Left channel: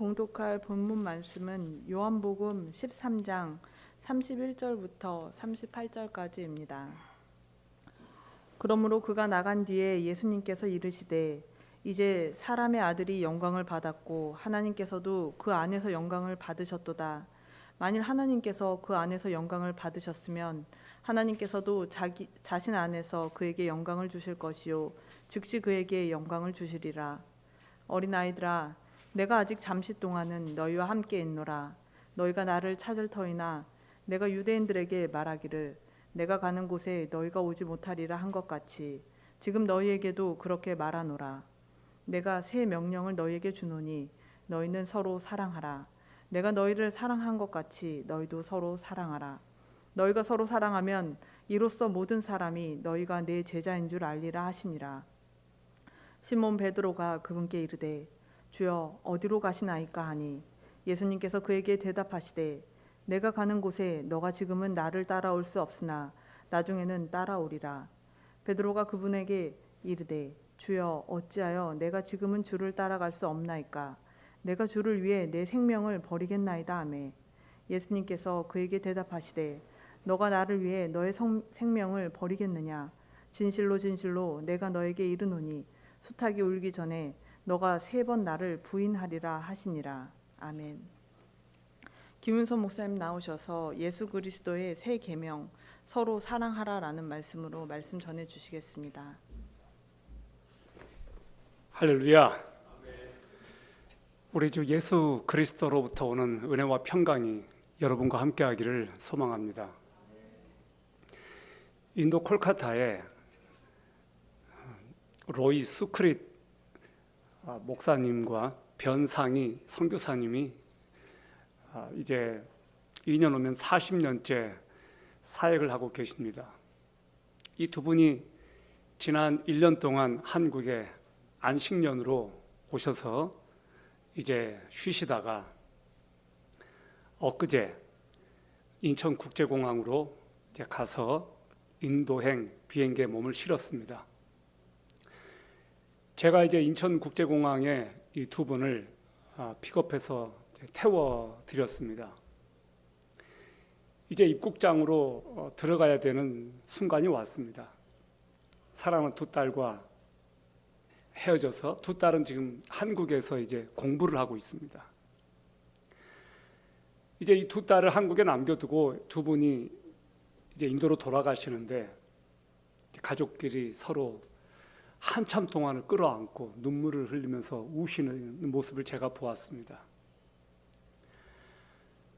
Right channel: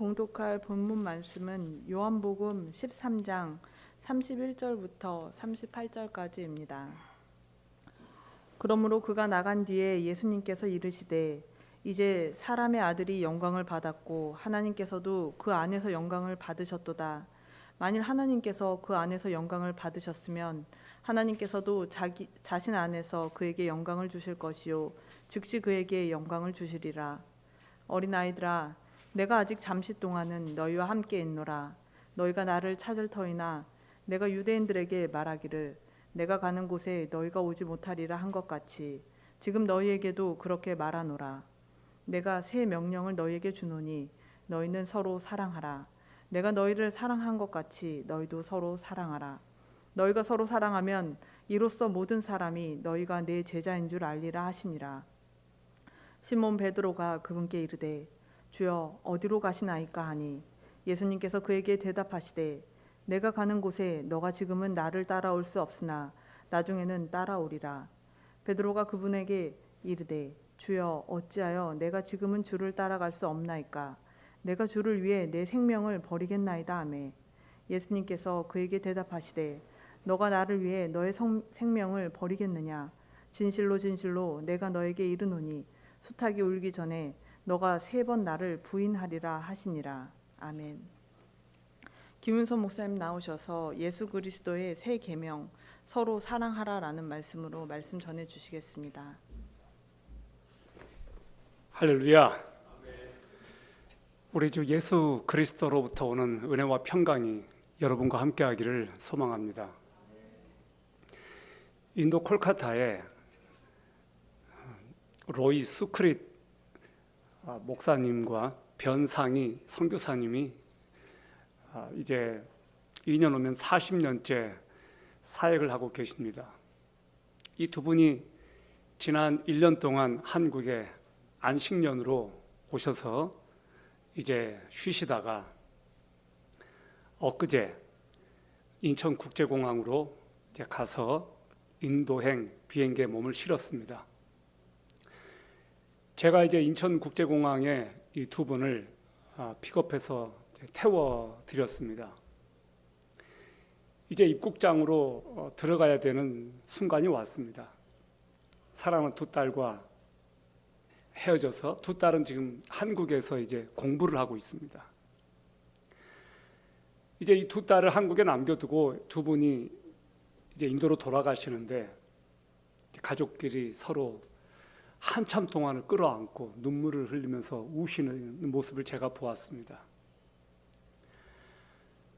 봉독할 본문 말씀은 요한복음 13장 31절부터 38절까지입니다. 그러므로 그가 나간 뒤에 예수님께서 이르시되 이제 사람의 아들이 영광을 받았고 하나님께서도 그 안에서 영광을 받으셨도다. 만일 하나님께서 그 안에서 영광을 받으셨으면 하나님께서도 자신 안에서 그에게 영광을 주실 것이요 즉시 그에게 영광을 주시리라. 어린아이들아, 내가 아직 잠시 동안은 너희와 함께 있노라. 너희가 나를 찾을 터이나 내가 유대인들에게 말하기를 내가 가는 곳에 너희가 오지 못하리라 한 것 같이 지금 너희에게도 그렇게 말하노라. 내가 새 명령을 너희에게 주노니 너희는 서로 사랑하라. 내가 너희를 사랑한 것 같이 너희도 서로 사랑하라. 너희가 서로 사랑하면 이로써 모든 사람이 너희가 내 제자인 줄 알리라 하시니라. 시몬 베드로가 그분께 이르되 주여 어디로 가시나이까 하니 예수님께서 그에게 대답하시되 내가 가는 곳에 너가 지금은 나를 따라올 수 없으나 나중에는 따라오리라. 베드로가 그분에게 이르되 주여 어찌하여 내가 지금은 주를 따라갈 수 없나이까. 내가 주를 위해 내 생명을 버리겠나이다 하매 예수님께서 그에게 대답하시되 너가 나를 위해 너의 생명을 버리겠느냐. 진실로 진실로 내가 너에게 이르노니 수탉이 울기 전에 너가 3번 나를 부인하리라 하시니라. 아멘. 김윤선 목사님 나오셔서 예수 그리스도의 새 계명 서로 사랑하라라는 말씀으로 말씀 전해 주시겠습니다. 할렐루야. 우리 주 예수 그리스도로부터 오는 은혜와 평강이 여러분과 함께하기를 소망합니다. 인도 콜카타에 로이 수크릿 목사님과 변상희 선교사님이 이제 2년 오면 40년째 사역을 하고 계십니다. 이 두 분이 지난 1년 동안 한국에 안식년으로 오셔서 이제 쉬시다가 엊그제 인천국제공항으로 이제 가서 인도행 비행기에 몸을 실었습니다. 제가 이제 인천국제공항에 이 두 분을 픽업해서 태워 드렸습니다. 이제 입국장으로 들어가야 되는 순간이 왔습니다. 사랑하는 두 딸과 헤어져서 두 딸은 지금 한국에서 이제 공부를 하고 있습니다. 이제 이 두 딸을 한국에 남겨두고 두 분이 이제 인도로 돌아가시는데 가족끼리 서로 한참 동안을 끌어안고 눈물을 흘리면서 우시는 모습을 제가 보았습니다.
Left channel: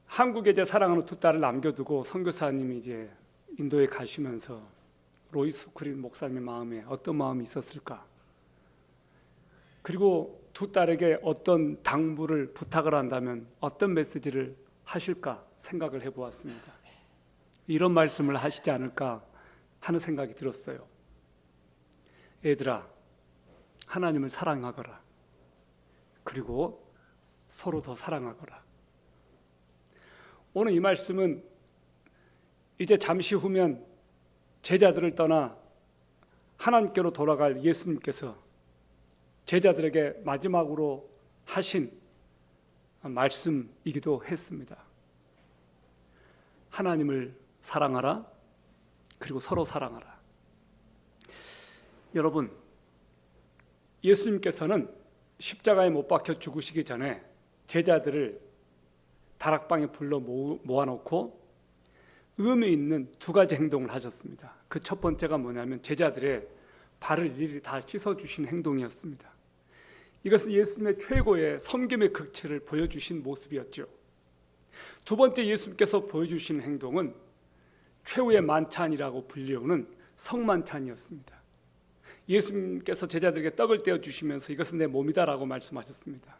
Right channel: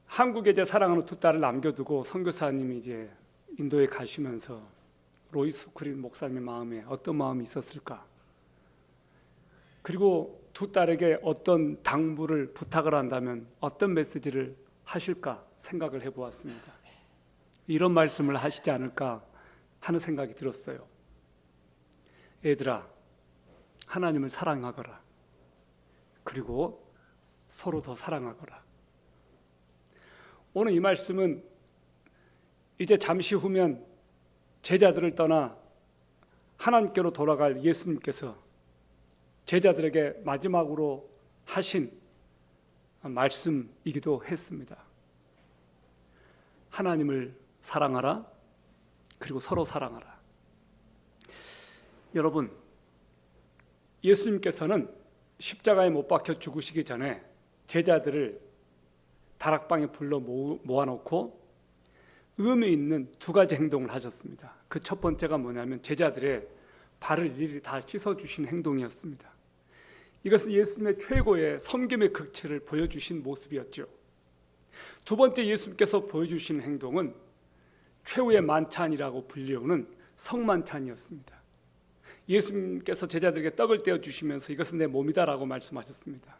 한국에 이제 사랑하는 두 딸을 남겨두고 선교사님이 이제 인도에 가시면서 로이 수크릿 목사님의 마음에 어떤 마음이 있었을까? 그리고 두 딸에게 어떤 당부를 부탁을 한다면 어떤 메시지를 하실까 생각을 해보았습니다. 이런 말씀을 하시지 않을까 하는 생각이 들었어요. 애들아, 하나님을 사랑하거라. 그리고 서로 더 사랑하거라. 오늘 이 말씀은 이제 잠시 후면 제자들을 떠나 하나님께로 돌아갈 예수님께서 제자들에게 마지막으로 하신 말씀이기도 했습니다. 하나님을 사랑하라. 그리고 서로 사랑하라. 여러분, 예수님께서는 십자가에 못 박혀 죽으시기 전에 제자들을 다락방에 불러 모아놓고 의미 있는 2가지 행동을 하셨습니다. 그 첫 번째가 뭐냐면 제자들의 발을 일일이 다 씻어주신 행동이었습니다. 이것은 예수님의 최고의 섬김의 극치를 보여주신 모습이었죠. 두 번째 예수님께서 보여주신 행동은 최후의 만찬이라고 불리우는 성만찬이었습니다. 예수님께서 제자들에게 떡을 떼어주시면서 이것은 내 몸이다라고 말씀하셨습니다.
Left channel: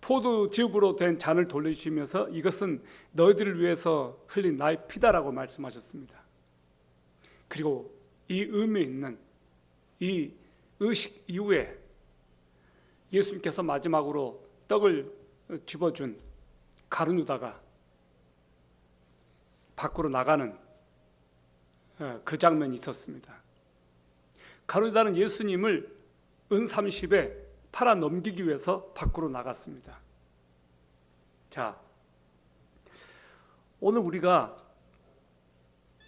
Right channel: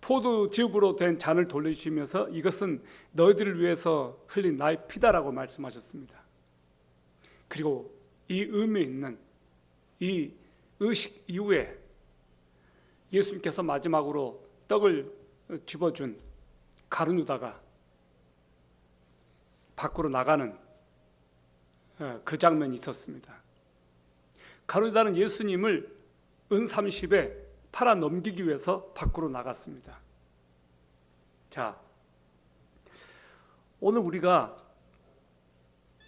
포도즙으로 된 잔을 돌려주시면서 이것은 너희들을 위해서 흘린 나의 피다라고 말씀하셨습니다. 그리고 이 의미 있는 이 의식 이후에 예수님께서 마지막으로 떡을 집어준 가룟유다가 밖으로 나가는 그 장면이 있었습니다. 가룟유다는 예수님을 은 30에 팔아 넘기기 위해서 밖으로 나갔습니다. 자, 오늘 우리가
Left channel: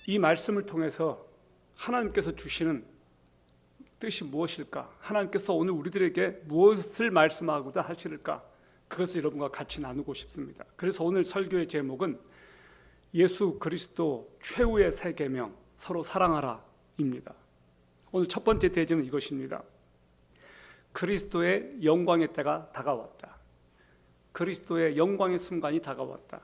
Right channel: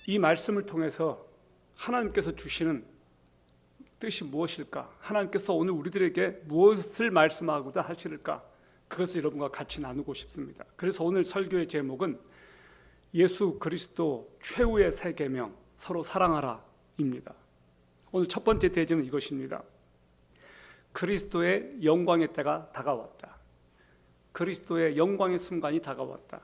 이 말씀을 통해서 하나님께서 주시는 뜻이 무엇일까? 하나님께서 오늘 우리들에게 무엇을 말씀하고자 하실까? 그것을 여러분과 같이 나누고 싶습니다. 그래서 오늘 설교의 제목은 예수 그리스도 최후의 세 계명, 서로 사랑하라입니다. 오늘 첫 번째 대제는 이것입니다. 그리스도의 영광의 때가 다가왔다. 그리스도의 영광의 순간이 다가왔다.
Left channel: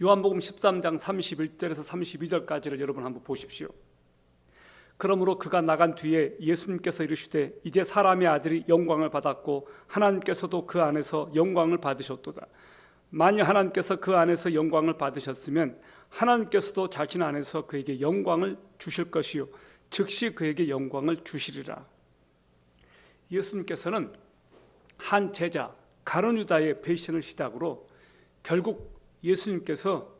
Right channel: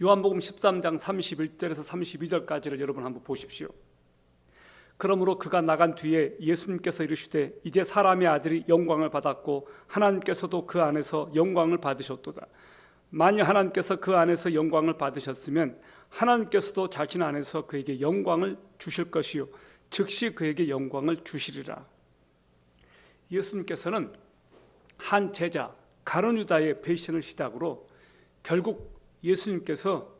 요한복음 13장 31절에서 32절까지를 여러분 한번 보십시오. 그러므로 그가 나간 뒤에 예수님께서 이르시되 이제 사람의 아들이 영광을 받았고 하나님께서도 그 안에서 영광을 받으셨도다. 만일 하나님께서 그 안에서 영광을 받으셨으면 하나님께서도 자신 안에서 그에게 영광을 주실 것이요 즉시 그에게 영광을 주시리라. 예수님께서는 한 제자 가룟 유다의 배신을 시작으로 결국 예수님께서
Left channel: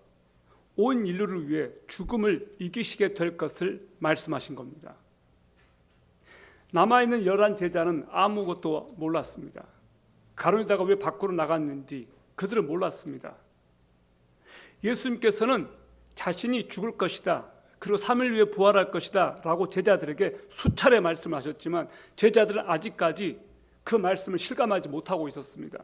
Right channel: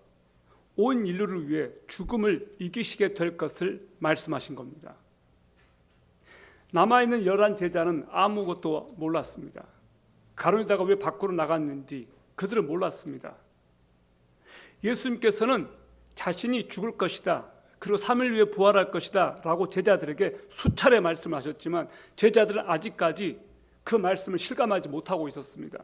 온 인류를 위해 죽음을 이기시게 될 것을 말씀하신 겁니다. 남아있는 11 제자는 아무것도 몰랐습니다. 가룟 유다가 왜 밖으로 나갔는지 그들은 몰랐습니다. 예수님께서는 자신이 죽을 것이다, 그리고 3일 후에 부활할 것이다 라고 제자들에게 수차례 말씀하셨지만 제자들은 아직까지 그 말씀을 실감하지 못하고 있었습니다.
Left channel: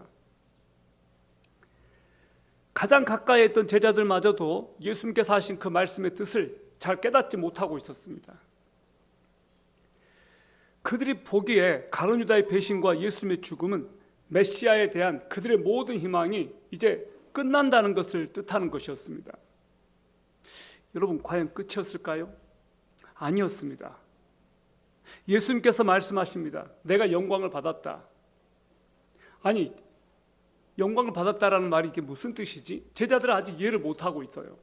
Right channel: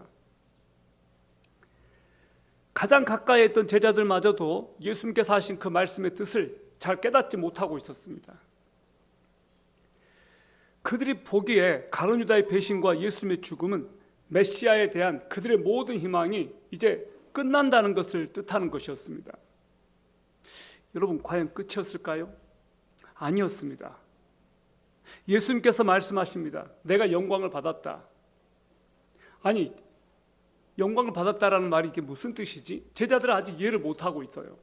가장 가까이 있던 제자들마저도 예수님께서 하신 그 말씀의 뜻을 잘 깨닫지 못하고 있었습니다. 그들이 보기에 가룟 유다의 배신과 예수님의 죽음은 메시아에 대한 그들의 모든 희망이 이제 끝난다는 것을 뜻하는 것이었습니다. 여러분, 과연 끝이었을까요? 아니었습니다. 예수님께서 말씀하십니다. 내가 영광을 받았다. 아니, 영광을 받았다라는 말이 이게 무슨 뜻이지? 제자들은 아직 이해를 못하고 있어요.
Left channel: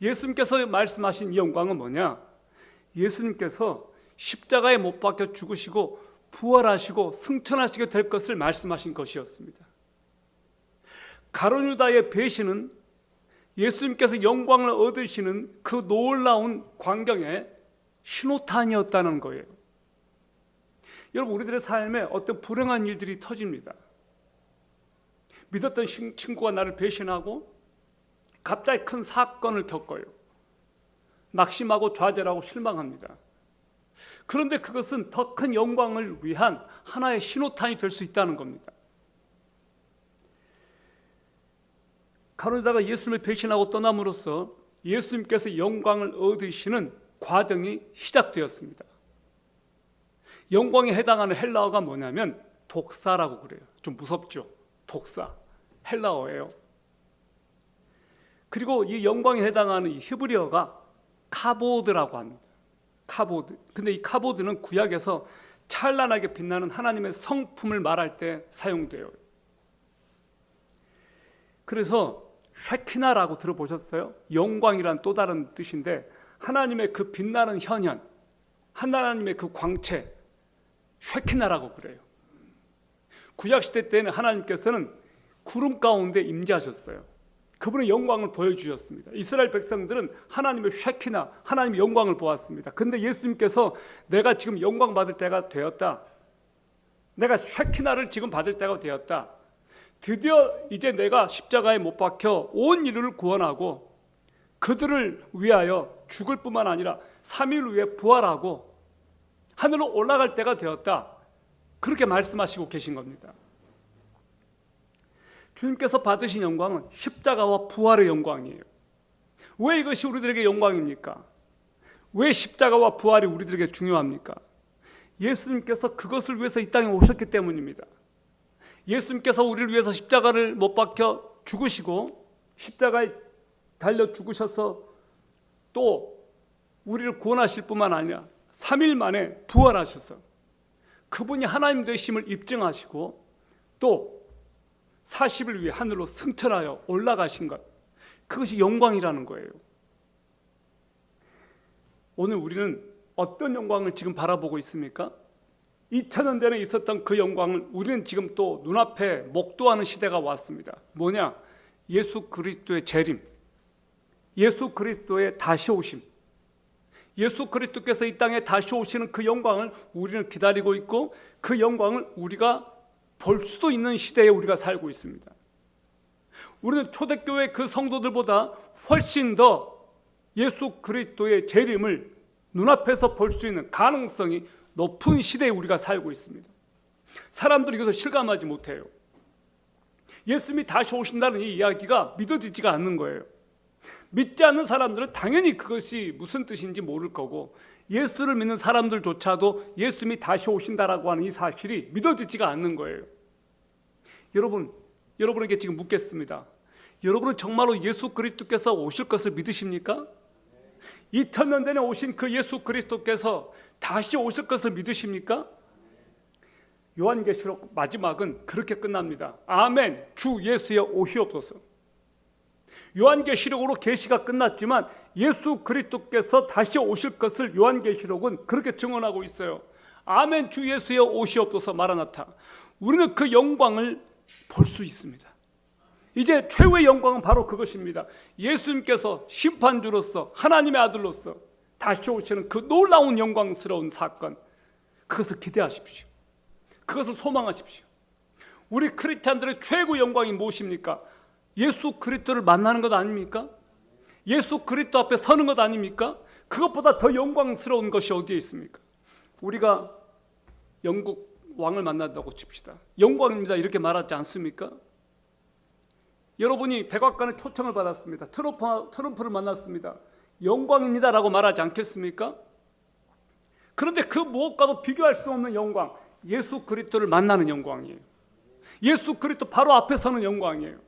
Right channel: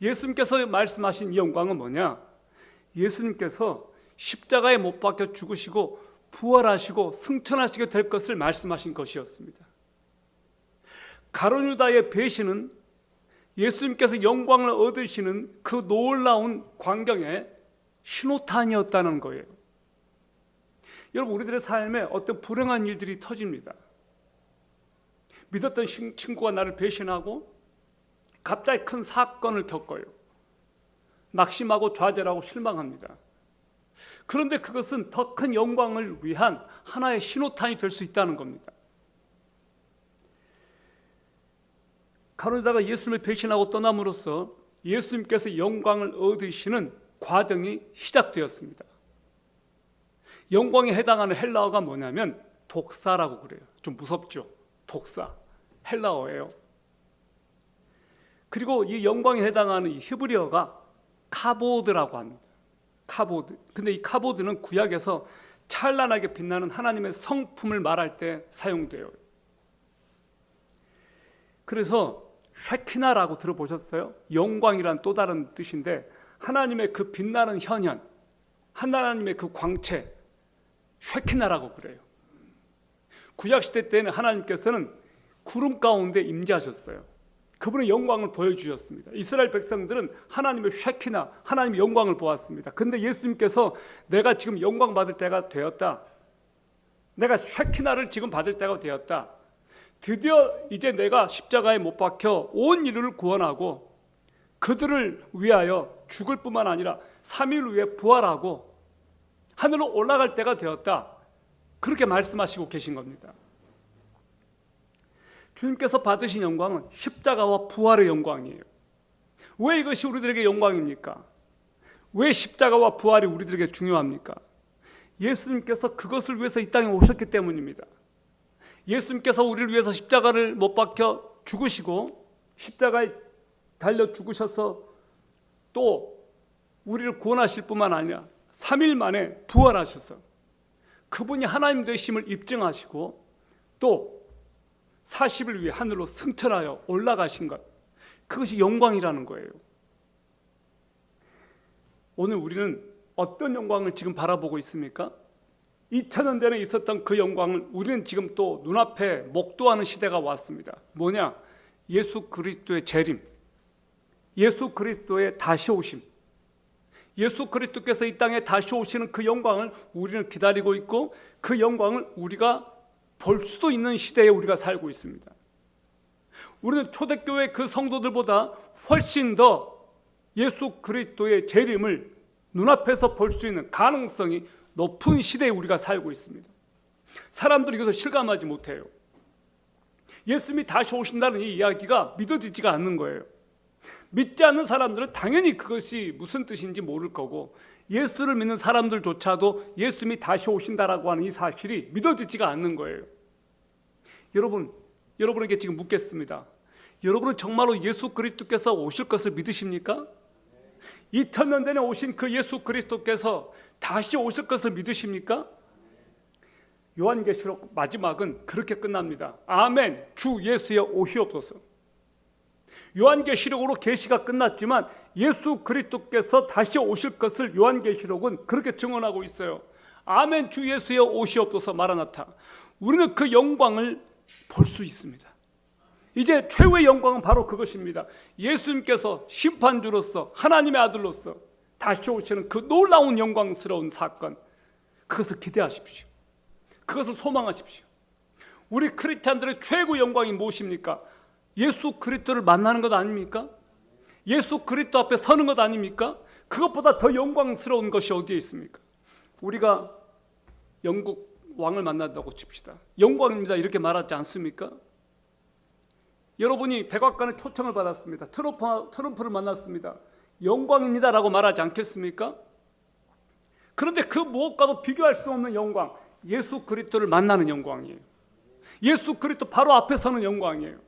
예수님께서 말씀하신 이 영광은 뭐냐? 예수님께서 십자가에 못 박혀 죽으시고 부활하시고 승천하시게 될 것을 말씀하신 것이었습니다. 가룟 유다의 배신은 예수님께서 영광을 얻으시는 그 놀라운 광경의 신호탄이었다는 거예요. 여러분, 우리들의 삶에 어떤 불행한 일들이 터집니다. 믿었던 친구가 나를 배신하고 갑자기 큰 사건을 겪어요. 낙심하고 좌절하고 실망합니다. 그런데 그것은 더 큰 영광을 위한 하나의 신호탄이 될 수 있다는 겁니다. 가룟 유다가 예수님을 배신하고 떠남으로써 예수님께서 영광을 얻으시는 과정이 시작되었습니다. 영광에 해당하는 헬라어가 뭐냐면 독사라고 그래요. 좀 무섭죠? 독사, 헬라어예요. 그리고 이 영광에 해당하는 이 히브리어가 카보드라고 합니다. 카보드. 근데 이 카보드는 구약에서 찬란하게 빛나는 하나님의 성품을 말할 때 사용돼요. 그래서 쉐키나라고 들어보셨어요? 영광이란 또 다른 뜻인데 하나님의 그 빛나는 현현, 하나님의 그 광채, 쉐키나라고 그래요. 구약시대 때는 하나님께서는 구름 가운데 임재하셨어요. 그분의 영광을 보여주셨습니다. 이스라엘 백성들은 하나님의 쉐키나, 하나님의 영광을 보았습니다. 그런데 예수님께서 내가 지금 영광 받을 때가 되었다, 내가 쉐키나를 지금 받을 때가 되었다, 드디어 이제 내가 십자가에 못 박혀 온 인류를 구원하고 그들을 위하여 죽을 뿐만 아니라 3일 후에 부활하고 하늘로 올라갈 때가 되었다, 그렇게 말씀하시고 계신 겁니다. 주님께서 받으신 영광은 십자가와 부활의 영광이에요. 왜 이것이 우리들에게 영광입니까? 왜 십자가와 부활이 우리들에게 중요합니까? 예수님께서 그것을 위해서 이 땅에 오셨기 때문입니다. 예수님께서 우리를 위해서 십자가를 못 박혀 죽으시고 십자가에 달려 죽으셔서 또 우리를 구원하실 뿐만 아니라 3일 만에 부활하셔서 그분이 하나님 되심을 입증하시고 또 40일 위해 하늘로 승천하여 올라가신 것, 그것이 영광이라는 거예요. 오늘 우리는 어떤 영광을 지금 바라보고 있습니까? 2000년 전에 있었던 그 영광을 우리는 지금 또 눈앞에 목도하는 시대가 왔습니다. 뭐냐? 예수 그리스도의 재림, 예수 그리스도의 다시 오심, 예수 그리스도께서 이 땅에 다시 오시는 그 영광을 우리는 기다리고 있고 그 영광을 우리가 볼 수도 있는 시대에 우리가 살고 있습니다. 우리는 초대교회 그 성도들보다 훨씬 더 예수 그리스도의 재림을 눈앞에서 볼 수 있는 가능성이 높은 시대에 우리가 살고 있습니다. 사람들이 이것을 실감하지 못해요. 예수님이 다시 오신다는 이 이야기가 믿어지지가 않는 거예요. 믿지 않는 사람들은 당연히 그것이 무슨 뜻인지 모를 거고, 예수를 믿는 사람들조차도 예수님이 다시 오신다라고 하는 이 사실이 믿어지지가 않는 거예요. 여러분에게 지금 묻겠습니다. 여러분은 정말로 예수 그리스도께서 오실 것을 믿으십니까? 2000년 전에 오신 그 예수 그리스도께서 다시 오실 것을 믿으십니까? 요한계시록 마지막은 그렇게 끝납니다. 아멘, 주 예수여 오시옵소서. 요한계시록으로 계시가 끝났지만 예수 그리스도께서 다시 오실 것을 요한계시록은 그렇게 증언하고 있어요. 아멘, 주 예수여 오시옵소서. 마라나타. 우리는 그 영광을 볼 수 있습니다. 이제 최후의 영광은 바로 그것입니다. 예수님께서 심판주로서 하나님의 아들로서 다시 오시는 그 놀라운 영광스러운 사건, 그것을 기대하십시오. 그것을 소망하십시오. 우리 크리스찬들의 최고 영광이 무엇입니까? 예수 그리스도를 만나는 것 아닙니까? 예수 그리스도 앞에 서는 것 아닙니까? 그것보다 더 영광스러운 것이 어디에 있습니까? 우리가 영국 왕을 만난다고 칩시다. 영광입니다 이렇게 말하지 않습니까? 여러분이 백악관에 초청을 받았습니다. 트럼프를 만났습니다. 영광입니다라고 말하지 않겠습니까? 그런데 그 무엇과도 비교할 수 없는 영광, 예수 그리스도를 만나는 영광이에요. 예수 그리스도 바로 앞에 서는 영광이에요.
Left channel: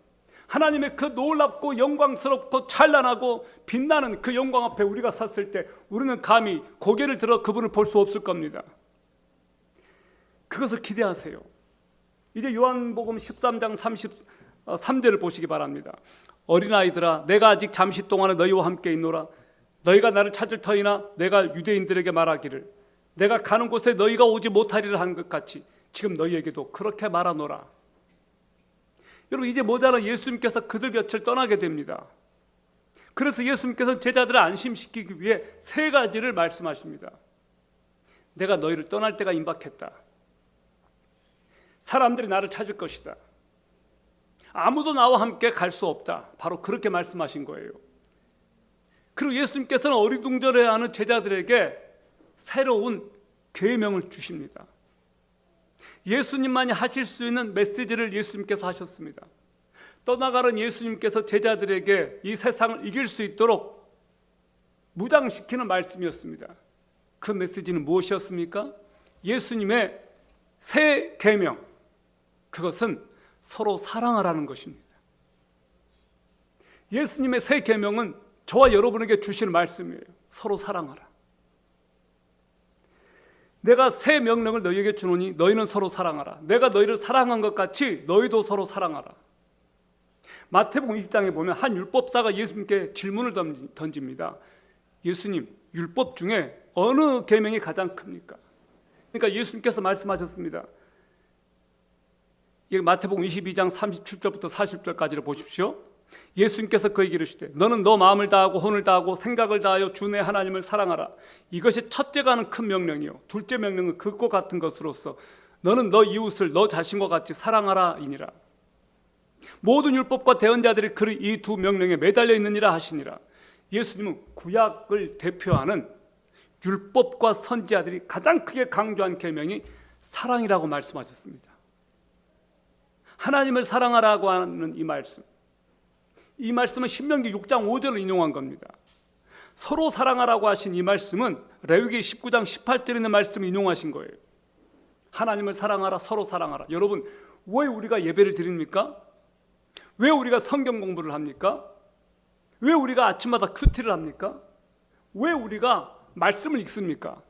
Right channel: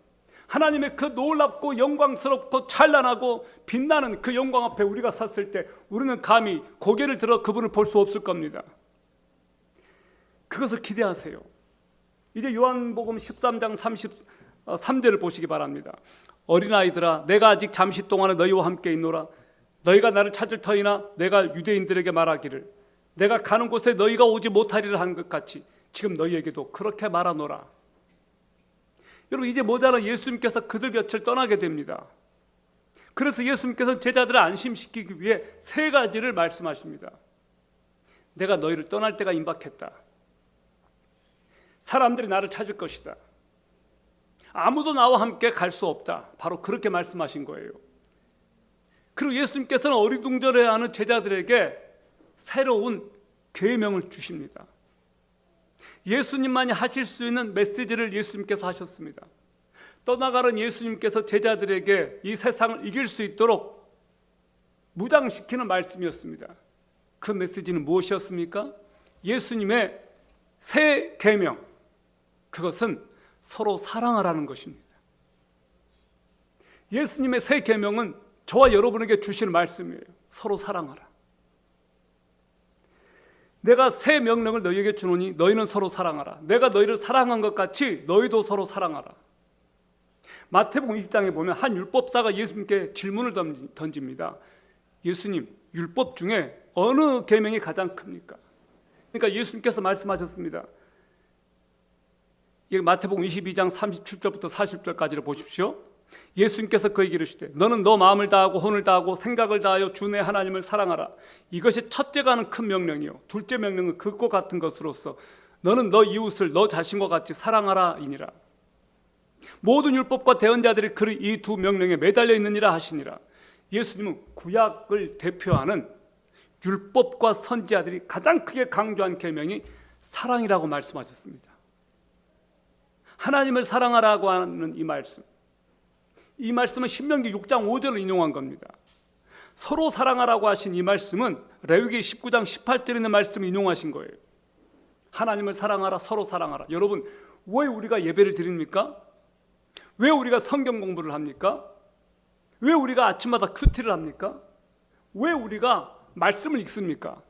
하나님의 그 놀랍고 영광스럽고 찬란하고 빛나는 그 영광 앞에 우리가 섰을 때 우리는 감히 고개를 들어 그분을 볼 수 없을 겁니다. 그것을 기대하세요. 이제 요한복음 13장 33절을 보시기 바랍니다. 어린아이들아, 내가 아직 잠시 동안에 너희와 함께 있노라. 너희가 나를 찾을 터이나 내가 유대인들에게 말하기를 내가 가는 곳에 너희가 오지 못하리라 한 것 같이 지금 너희에게도 그렇게 말하노라. 여러분, 이제 모자라 예수님께서 그들 곁을 떠나게 됩니다. 그래서 예수님께서 제자들을 안심시키기 위해 세 가지를 말씀하십니다. 내가 너희를 떠날 때가 임박했다. 사람들이 나를 찾을 것이다. 아무도 나와 함께 갈 수 없다. 바로 그렇게 말씀하신 거예요. 그리고 예수님께서는 어리둥절해하는 제자들에게 새로운 계명을 주십니다. 예수님만이 하실 수 있는 메시지를 예수님께서 하셨습니다. 떠나가는 예수님께서 제자들에게 이 세상을 이길 수 있도록 무장시키는 말씀이었습니다. 그 메시지는 무엇이었습니까? 예수님의 새 계명, 그것은 서로 사랑하라는 것입니다. 예수님의 새 계명은 저와 여러분에게 주시는 말씀이에요. 서로 사랑하라. 내가 새 명령을 너희에게 주노니 너희는 서로 사랑하라. 내가 너희를 사랑한 것 같이 너희도 서로 사랑하라. 마태복음 20장에 보면 한 율법사가 예수님께 질문을 던집니다. 예수님, 율법 중에 어느 계명이 가장 큽니까? 그러니까 예수님께서 말씀하셨습니다. 마태복음 22장 37절부터 40절까지를 보십시오. 예수님께서 그에게 이르시되 너는 너 마음을 다하고 혼을 다하고 생각을 다하여 주 내 하나님을 사랑하라. 이것이 첫째가 하는 큰 명령이요 둘째 명령은 그것과 같은 것으로서 너는 너 이웃을 너 자신과 같이 사랑하라 이니라. 모든 율법과 대언자들이 그 이 두 명령에 매달려 있느니라 하시니라. 예수님은 구약을 대표하는 율법과 선지자들이 가장 크게 강조한 계명이 사랑이라고 말씀하셨습니다. 하나님을 사랑하라고 하는 이 말씀은 신명기 6장 5절을 인용한 겁니다. 서로 사랑하라고 하신 이 말씀은 레위기 19장 18절에 있는 말씀을 인용하신 거예요. 하나님을 사랑하라, 서로 사랑하라. 여러분, 왜 우리가 예배를 드립니까? 왜 우리가 성경 공부를 합니까? 왜 우리가 아침마다 큐티를 합니까? 왜 우리가 말씀을 읽습니까?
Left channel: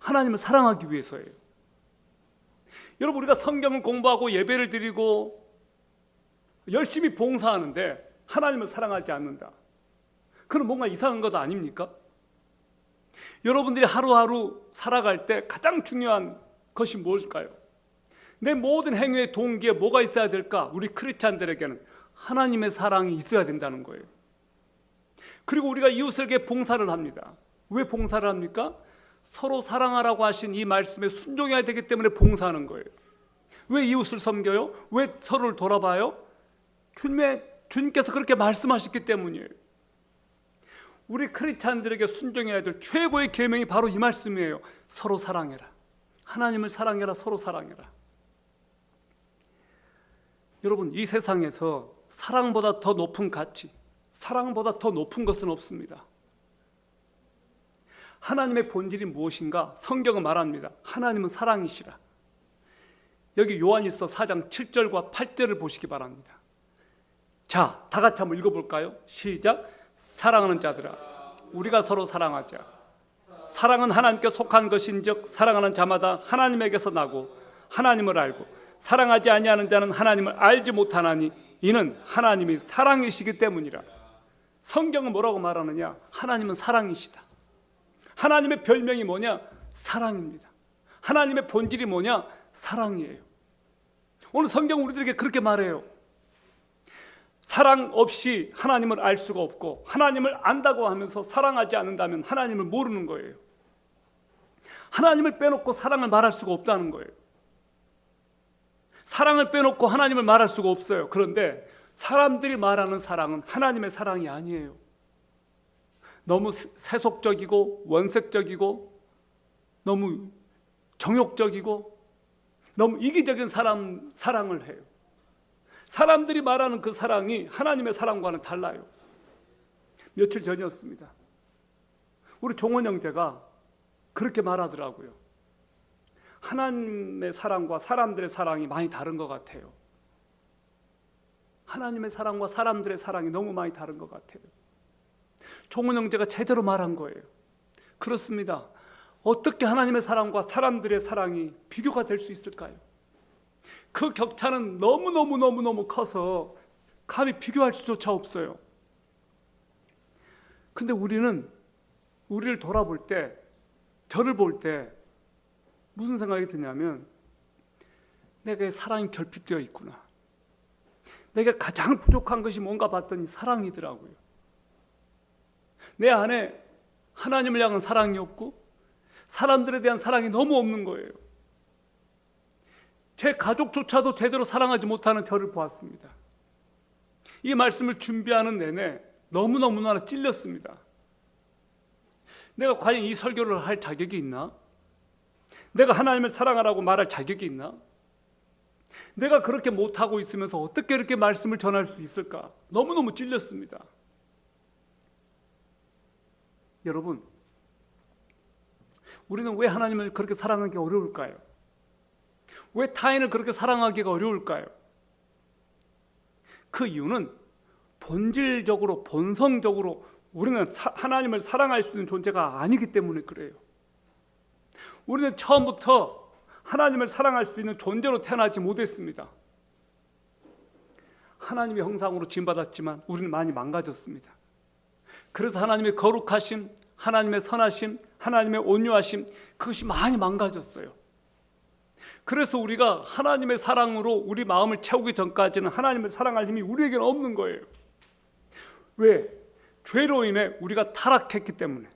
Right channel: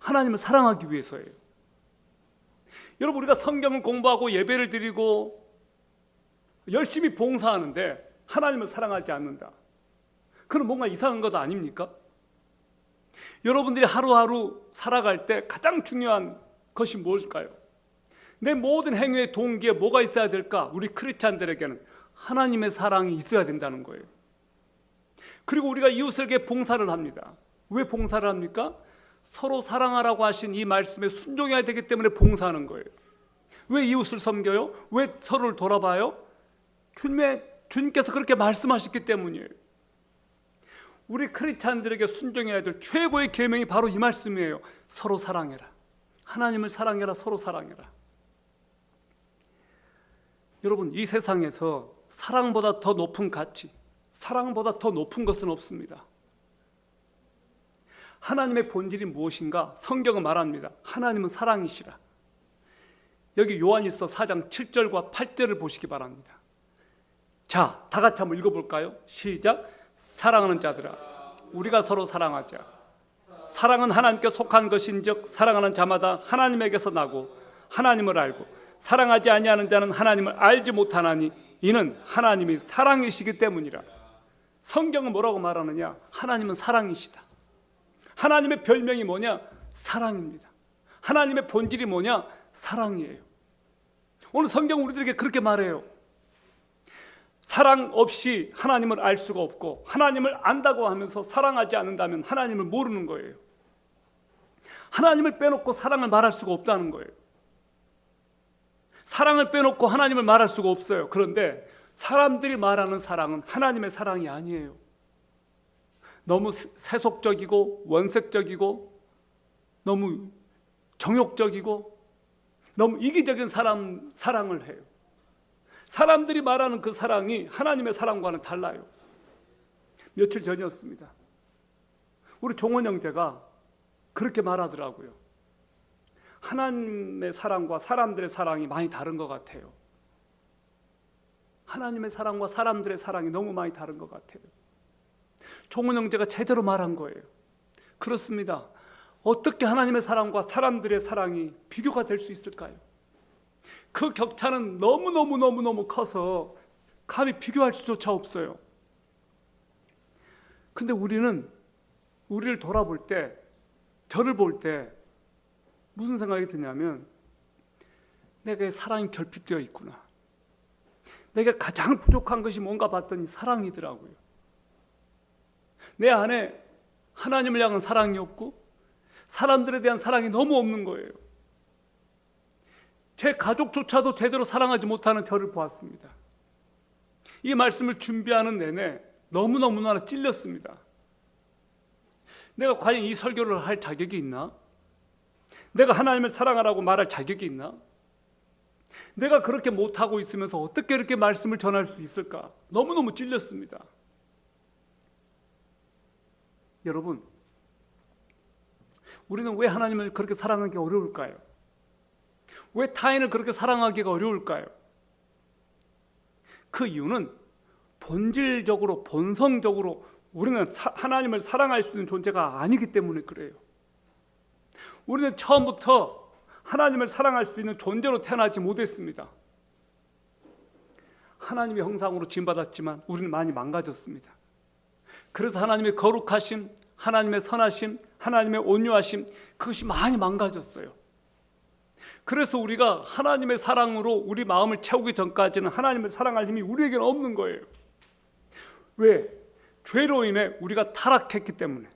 하나님을 사랑하기 위해서예요. 여러분, 우리가 성경을 공부하고 예배를 드리고 열심히 봉사하는데 하나님을 사랑하지 않는다. 그럼 뭔가 이상한 것 아닙니까? 여러분들이 하루하루 살아갈 때 가장 중요한 것이 무엇일까요? 내 모든 행위의 동기에 뭐가 있어야 될까? 우리 크리스찬들에게는 하나님의 사랑이 있어야 된다는 거예요. 그리고 우리가 이웃에게 봉사를 합니다. 왜 봉사를 합니까? 서로 사랑하라고 하신 이 말씀에 순종해야 되기 때문에 봉사하는 거예요. 왜 이웃을 섬겨요? 왜 서로를 돌아봐요? 주님의 주님께서 그렇게 말씀하셨기 때문이에요. 우리 크리스찬들에게 순종해야 될 최고의 계명이 바로 이 말씀이에요. 서로 사랑해라. 하나님을 사랑해라. 서로 사랑해라. 여러분, 이 세상에서 사랑보다 더 높은 가치, 사랑보다 더 높은 것은 없습니다. 하나님의 본질이 무엇인가? 성경은 말합니다. 하나님은 사랑이시라. 여기 요한일서 4장 7절과 8절을 보시기 바랍니다. 자, 다 같이 한번 읽어볼까요? 시작. 사랑하는 자들아, 우리가 서로 사랑하자. 사랑은 하나님께 속한 것인즉 사랑하는 자마다 하나님에게서 나고 하나님을 알고 사랑하지 아니하는 자는 하나님을 알지 못하나니 이는 하나님이 사랑이시기 때문이라. 성경은 뭐라고 말하느냐? 하나님은 사랑이시다. 하나님의 별명이 뭐냐? 사랑입니다. 하나님의 본질이 뭐냐? 사랑이에요. 오늘 성경은 우리들에게 그렇게 말해요. 사랑 없이 하나님을 알 수가 없고, 하나님을 안다고 하면서 사랑하지 않는다면 하나님을 모르는 거예요. 하나님을 빼놓고 사랑을 말할 수가 없다는 거예요. 사랑을 빼놓고 하나님을 말할 수가 없어요. 그런데 사람들이 말하는 사랑은 하나님의 사랑이 아니에요. 너무 세속적이고 원색적이고 너무 정욕적이고 너무 이기적인 사랑을 해요. 사람들이 말하는 그 사랑이 하나님의 사랑과는 달라요. 며칠 전이었습니다. 우리 종원 형제가 그렇게 말하더라고요. 하나님의 사랑과 사람들의 사랑이 많이 다른 것 같아요. 하나님의 사랑과 사람들의 사랑이 너무 많이 다른 것 같아요. 종원 형제가 제대로 말한 거예요. 그렇습니다. 어떻게 하나님의 사랑과 사람들의 사랑이 비교가 될 수 있을까요? 그 격차는 너무 커서 감히 비교할 수조차 없어요. 근데 우리는 우리를 돌아볼 때, 저를 볼 때 무슨 생각이 드냐면, 내게 사랑이 결핍되어 있구나. 내가 가장 부족한 것이 뭔가 봤더니 사랑이더라고요. 내 안에 하나님을 향한 사랑이 없고 사람들에 대한 사랑이 너무 없는 거예요. 제 가족조차도 제대로 사랑하지 못하는 저를 보았습니다. 이 말씀을 준비하는 내내 너무나 찔렸습니다. 내가 과연 이 설교를 할 자격이 있나? 내가 하나님을 사랑하라고 말할 자격이 있나? 내가 그렇게 못하고 있으면서 어떻게 이렇게 말씀을 전할 수 있을까? 너무너무 찔렸습니다. 여러분, 우리는 왜 하나님을 그렇게 사랑하기 어려울까요? 왜 타인을 그렇게 사랑하기가 어려울까요? 그 이유는 본질적으로, 본성적으로 우리는 하나님을 사랑할 수 있는 존재가 아니기 때문에 그래요. 우리는 처음부터 하나님을 사랑할 수 있는 존재로 태어나지 못했습니다. 하나님의 형상으로 지음받았지만 우리는 많이 망가졌습니다. 그래서 하나님의 거룩하심, 하나님의 선하심, 하나님의 온유하심, 그것이 많이 망가졌어요. 그래서 우리가 하나님의 사랑으로 우리 마음을 채우기 전까지는 하나님을 사랑할 힘이 우리에게는 없는 거예요. 왜? 죄로 인해 우리가 타락했기 때문에,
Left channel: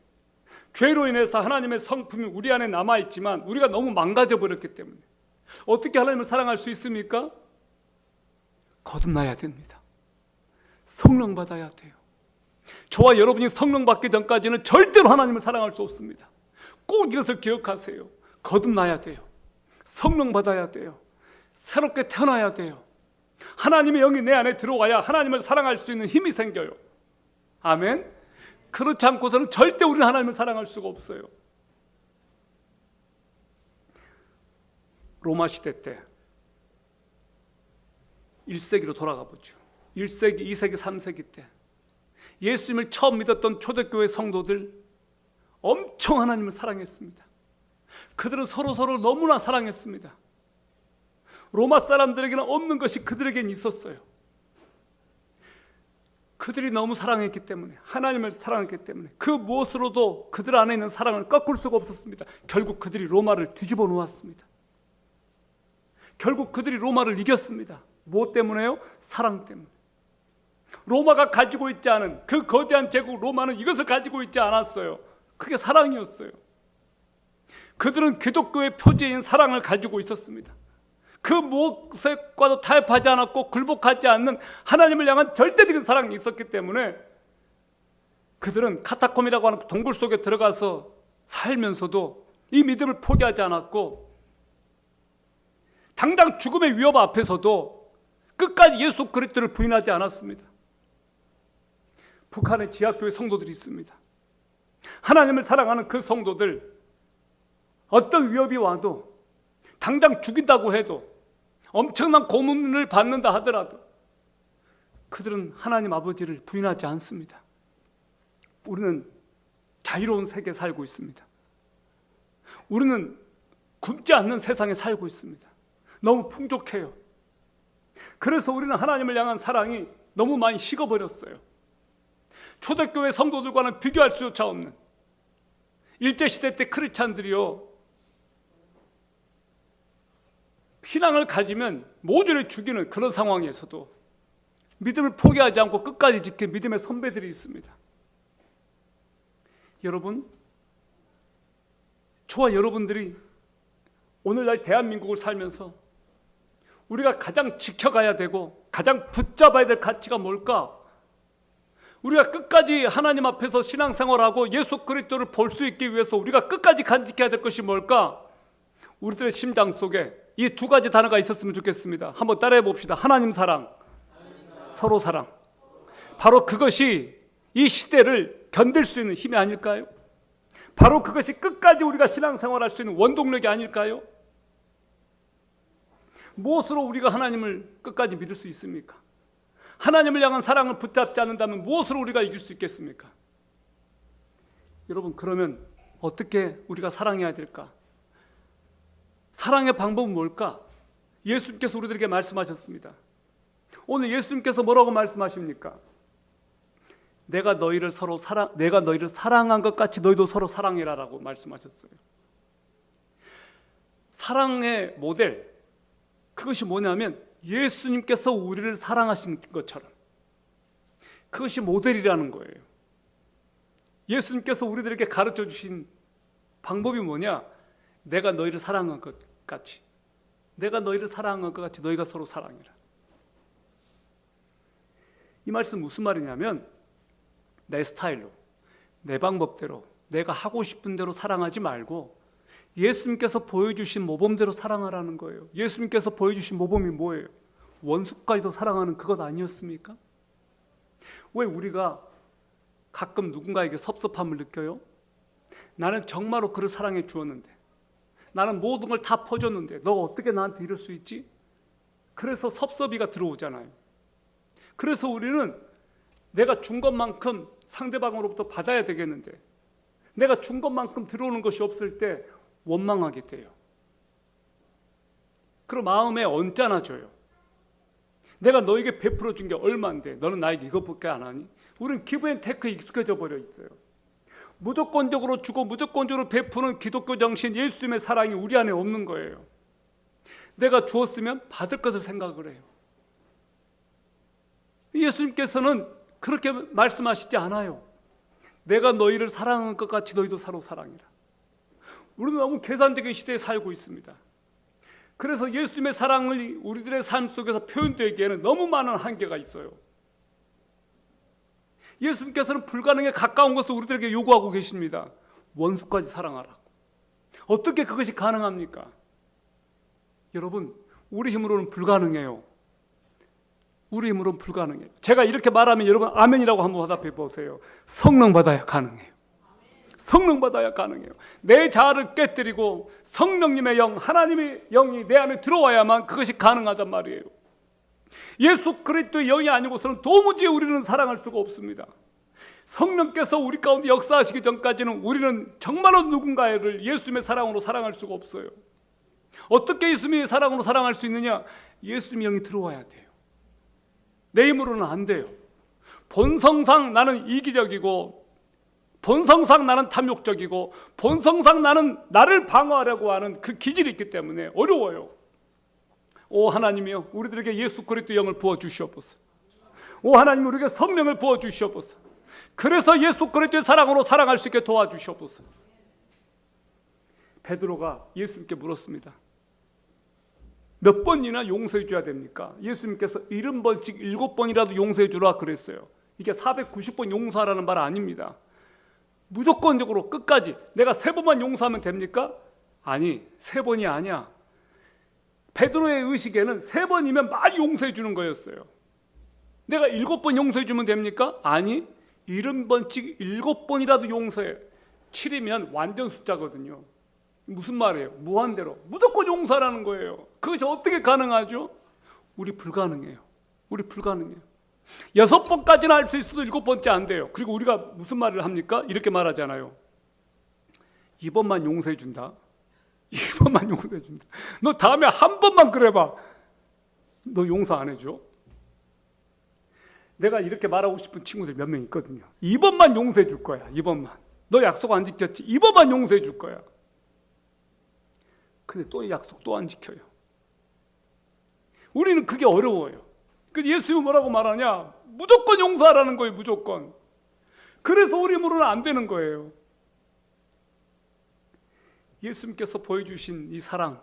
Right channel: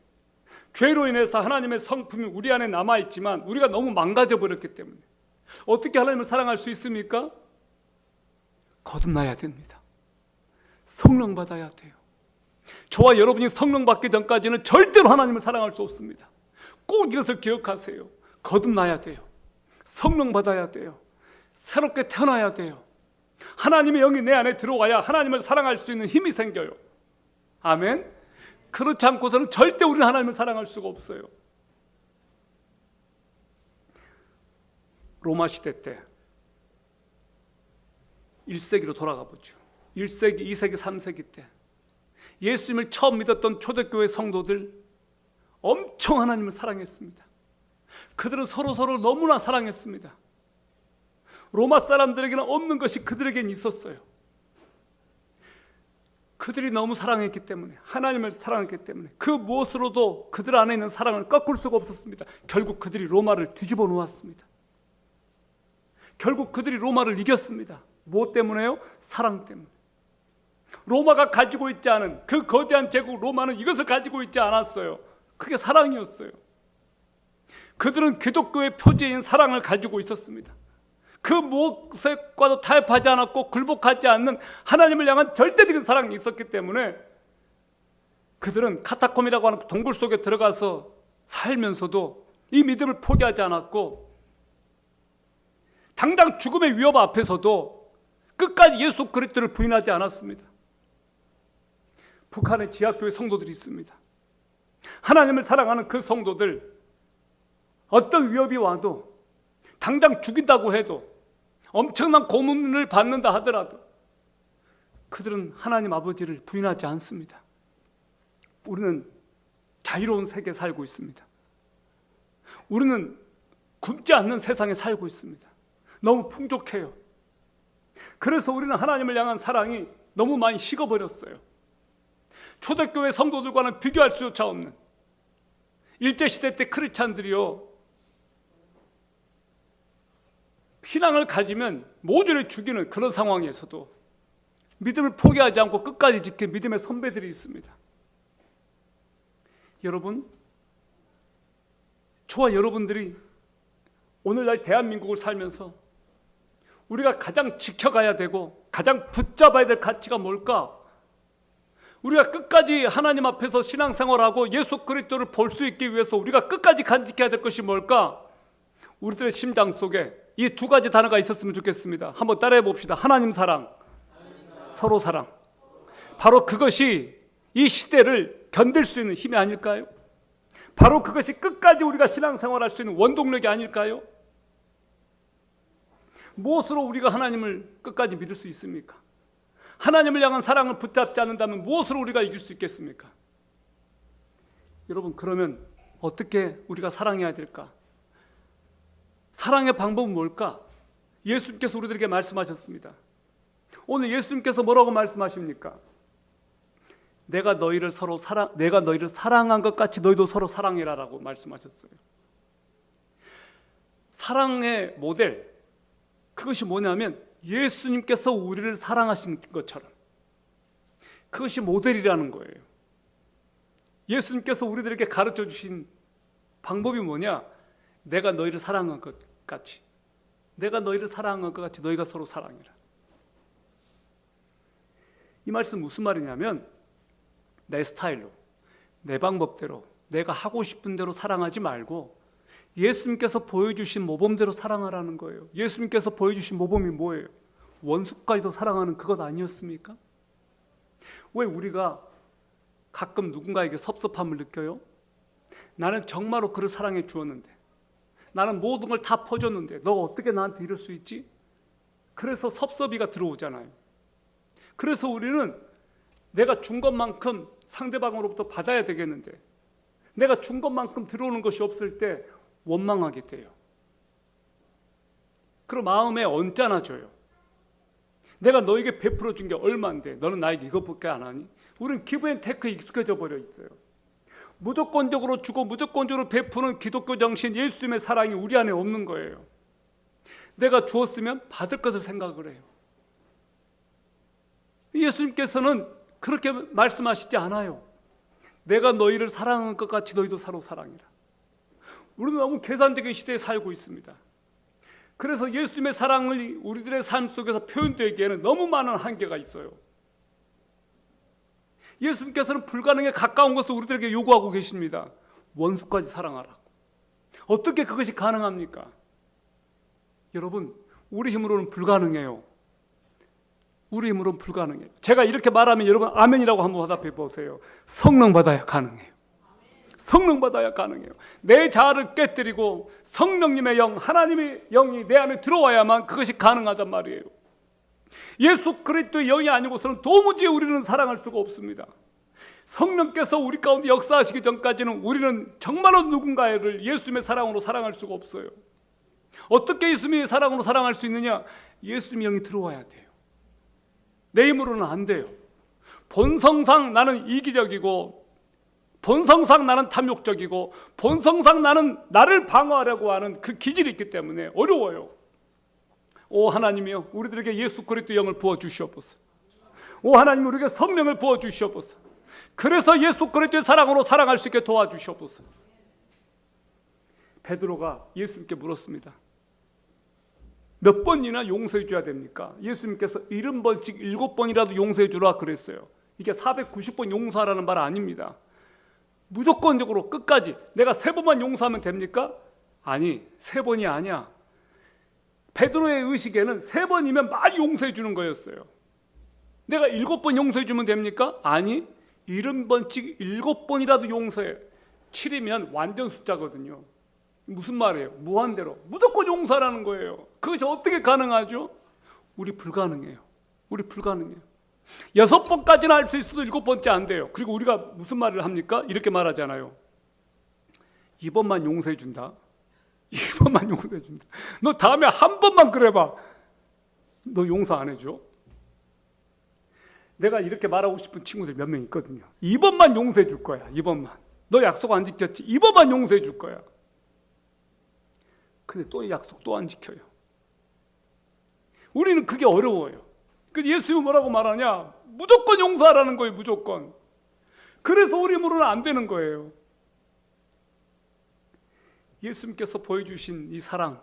죄로 인해서 하나님의 성품이 우리 안에 남아있지만 우리가 너무 망가져 버렸기 때문에. 어떻게 하나님을 사랑할 수 있습니까? 거듭나야 됩니다. 성령 받아야 돼요. 저와 여러분이 성령 받기 전까지는 절대로 하나님을 사랑할 수 없습니다. 꼭 이것을 기억하세요. 거듭나야 돼요. 성령 받아야 돼요. 새롭게 태어나야 돼요. 하나님의 영이 내 안에 들어와야 하나님을 사랑할 수 있는 힘이 생겨요. 아멘. 그렇지 않고서는 절대 우리는 하나님을 사랑할 수가 없어요. 로마 시대 때 1세기로 돌아가 보죠. 1세기, 2세기, 3세기 때 예수님을 처음 믿었던 초대교회 성도들 엄청 하나님을 사랑했습니다. 그들은 서로서로 너무나 사랑했습니다. 로마 사람들에게는 없는 것이 그들에게는 있었어요. 그들이 너무 사랑했기 때문에, 하나님을 사랑했기 때문에 그 무엇으로도 그들 안에 있는 사랑을 꺾을 수가 없었습니다. 결국 그들이 로마를 뒤집어 놓았습니다. 결국 그들이 로마를 이겼습니다. 무엇 때문에요? 사랑 때문에. 로마가 가지고 있지 않은 그 거대한 제국 로마는 이것을 가지고 있지 않았어요. 그게 사랑이었어요. 그들은 기독교의 표지인 사랑을 가지고 있었습니다. 그 무엇과도 타협하지 않았고 굴복하지 않는 하나님을 향한 절대적인 사랑이 있었기 때문에 그들은 카타콤이라고 하는 동굴 속에 들어가서 살면서도 이 믿음을 포기하지 않았고, 당장 죽음의 위협 앞에서도 끝까지 예수 그리스도를 부인하지 않았습니다. 북한의 지하교회 성도들이 있습니다. 하나님을 사랑하는 그 성도들, 어떤 위협이 와도 당장 죽인다고 해도 엄청난 고문을 받는다 하더라도 그들은 하나님 아버지를 부인하지 않습니다. 우리는 자유로운 세계에 살고 있습니다. 우리는 굶지 않는 세상에 살고 있습니다. 너무 풍족해요. 그래서 우리는 하나님을 향한 사랑이 너무 많이 식어버렸어요. 초대교회 성도들과는 비교할 수조차 없는, 일제시대 때 크리스찬들이요, 신앙을 가지면 모조리 죽이는 그런 상황에서도 믿음을 포기하지 않고 끝까지 지킨 믿음의 선배들이 있습니다. 여러분, 저와 여러분들이 오늘날 대한민국을 살면서 우리가 가장 지켜가야 되고 가장 붙잡아야 될 가치가 뭘까? 우리가 끝까지 하나님 앞에서 신앙생활하고 예수 그리스도를 볼 수 있기 위해서 우리가 끝까지 간직해야 될 것이 뭘까? 우리들의 심장 속에 이 두 가지 단어가 있었으면 좋겠습니다. 한번 따라해 봅시다. 하나님 사랑, 서로 사랑. 바로 그것이 이 시대를 견딜 수 있는 힘이 아닐까요? 바로 그것이 끝까지 우리가 신앙생활할 수 있는 원동력이 아닐까요? 무엇으로 우리가 하나님을 끝까지 믿을 수 있습니까? 하나님을 향한 사랑을 붙잡지 않는다면 무엇으로 우리가 이길 수 있겠습니까? 여러분, 그러면 어떻게 우리가 사랑해야 될까? 사랑의 방법은 뭘까? 예수님께서 우리들에게 말씀하셨습니다. 오늘 예수님께서 뭐라고 말씀하십니까? 내가 너희를 사랑한 것 같이 너희도 서로 사랑해라라고 말씀하셨어요. 사랑의 모델, 그것이 뭐냐면 예수님께서 우리를 사랑하신 것처럼, 그것이 모델이라는 거예요. 예수님께서 우리들에게 가르쳐 주신 방법이 뭐냐? 내가 너희를 사랑한 것 같이, 내가 너희를 사랑한 것 같이 너희가 서로 사랑해라. 이 말씀 무슨 말이냐면, 내 스타일로, 내 방법대로, 내가 하고 싶은 대로 사랑하지 말고 예수님께서 보여주신 모범대로 사랑하라는 거예요. 예수님께서 보여주신 모범이 뭐예요? 원수까지도 사랑하는 그것 아니었습니까? 왜 우리가 가끔 누군가에게 섭섭함을 느껴요? 나는 정말로 그를 사랑해 주었는데, 나는 모든 걸 다 퍼줬는데 너가 어떻게 나한테 이럴 수 있지? 그래서 섭섭이가 들어오잖아요. 그래서 우리는 내가 준 것만큼 상대방으로부터 받아야 되겠는데, 내가 준 것만큼 들어오는 것이 없을 때 원망하게 돼요. 그럼 마음에 언짢아져요. 내가 너에게 베풀어 준 게 얼마인데 너는 나에게 이것밖에 안 하니? 우리는 기브앤테크에 익숙해져 버려 있어요. 무조건적으로 주고 무조건적으로 베푸는 기독교 정신, 예수님의 사랑이 우리 안에 없는 거예요. 내가 주었으면 받을 것을 생각을 해요. 예수님께서는 그렇게 말씀하시지 않아요. 내가 너희를 사랑한 것 같이 너희도 서로 사랑해라. 우리는 너무 계산적인 시대에 살고 있습니다. 그래서 예수님의 사랑을 우리들의 삶 속에서 표현되기에는 너무 많은 한계가 있어요. 예수님께서는 불가능에 가까운 것을 우리들에게 요구하고 계십니다. 원수까지 사랑하라고. 어떻게 그것이 가능합니까? 여러분, 우리 힘으로는 불가능해요. 우리 힘으로는 불가능해요. 제가 이렇게 말하면 여러분 아멘이라고 한번 화답해 보세요. 성령 받아야 가능해요. 성령 받아야 가능해요. 내 자아를 깨뜨리고 성령님의 영, 하나님의 영이 내 안에 들어와야만 그것이 가능하단 말이에요. 예수 그리스도의 영이 아니고서는 도무지 우리는 사랑할 수가 없습니다. 성령께서 우리 가운데 역사하시기 전까지는 우리는 정말로 누군가를 예수님의 사랑으로 사랑할 수가 없어요. 어떻게 예수님의 사랑으로 사랑할 수 있느냐? 예수님의 영이 들어와야 돼요. 내 힘으로는 안 돼요. 본성상 나는 이기적이고, 본성상 나는 탐욕적이고, 본성상 나는 나를 방어하려고 하는 그 기질이 있기 때문에 어려워요. 오 하나님이여, 우리들에게 예수 그리스도의 영을 부어 주시옵소서. 오 하나님, 우리에게 성령을 부어 주시옵소서. 그래서 예수 그리스도의 사랑으로 사랑할 수 있게 도와주시옵소서. 베드로가 예수님께 물었습니다. 몇 번이나 용서해 줘야 됩니까? 예수님께서 70번씩 7번이라도 용서해 주라 그랬어요. 이게 490번 용서하라는 말 아닙니다. 무조건적으로 끝까지. 내가 3번만 용서하면 됩니까? 아니, 3번이 아니야. 베드로의 의식에는 3번이면 많이 용서해 주는 거였어요. 내가 7번 용서해 주면 됩니까? 아니, 70번씩 7번이라도 용서해. 7이면 완전 숫자거든요. 무슨 말이에요? 무한대로 무조건 용서하라는 거예요. 그것이 어떻게 가능하죠? 우리 불가능해요. 우리 불가능해요. 6번까지는 할 수 있어도 7번째 안 돼요. 그리고 우리가 무슨 말을 합니까? 이렇게 말하잖아요. 2번만 용서해 준다. 2번만 용서해 준다. 너 다음에 한 번만 그래봐. 너 용서 안 해줘? 내가 이렇게 말하고 싶은 친구들 몇 명 있거든요. 2번만 용서해 줄 거야. 2번만. 너 약속 안 지켰지? 2번만 용서해 줄 거야. 근데 또 약속 또 안 지켜요. 우리는 그게 어려워요. 근데 예수님은 뭐라고 말하냐? 무조건 용서하라는 거예요. 무조건. 그래서 우리 힘으로는 안 되는 거예요. 예수님께서 보여주신 이 사랑,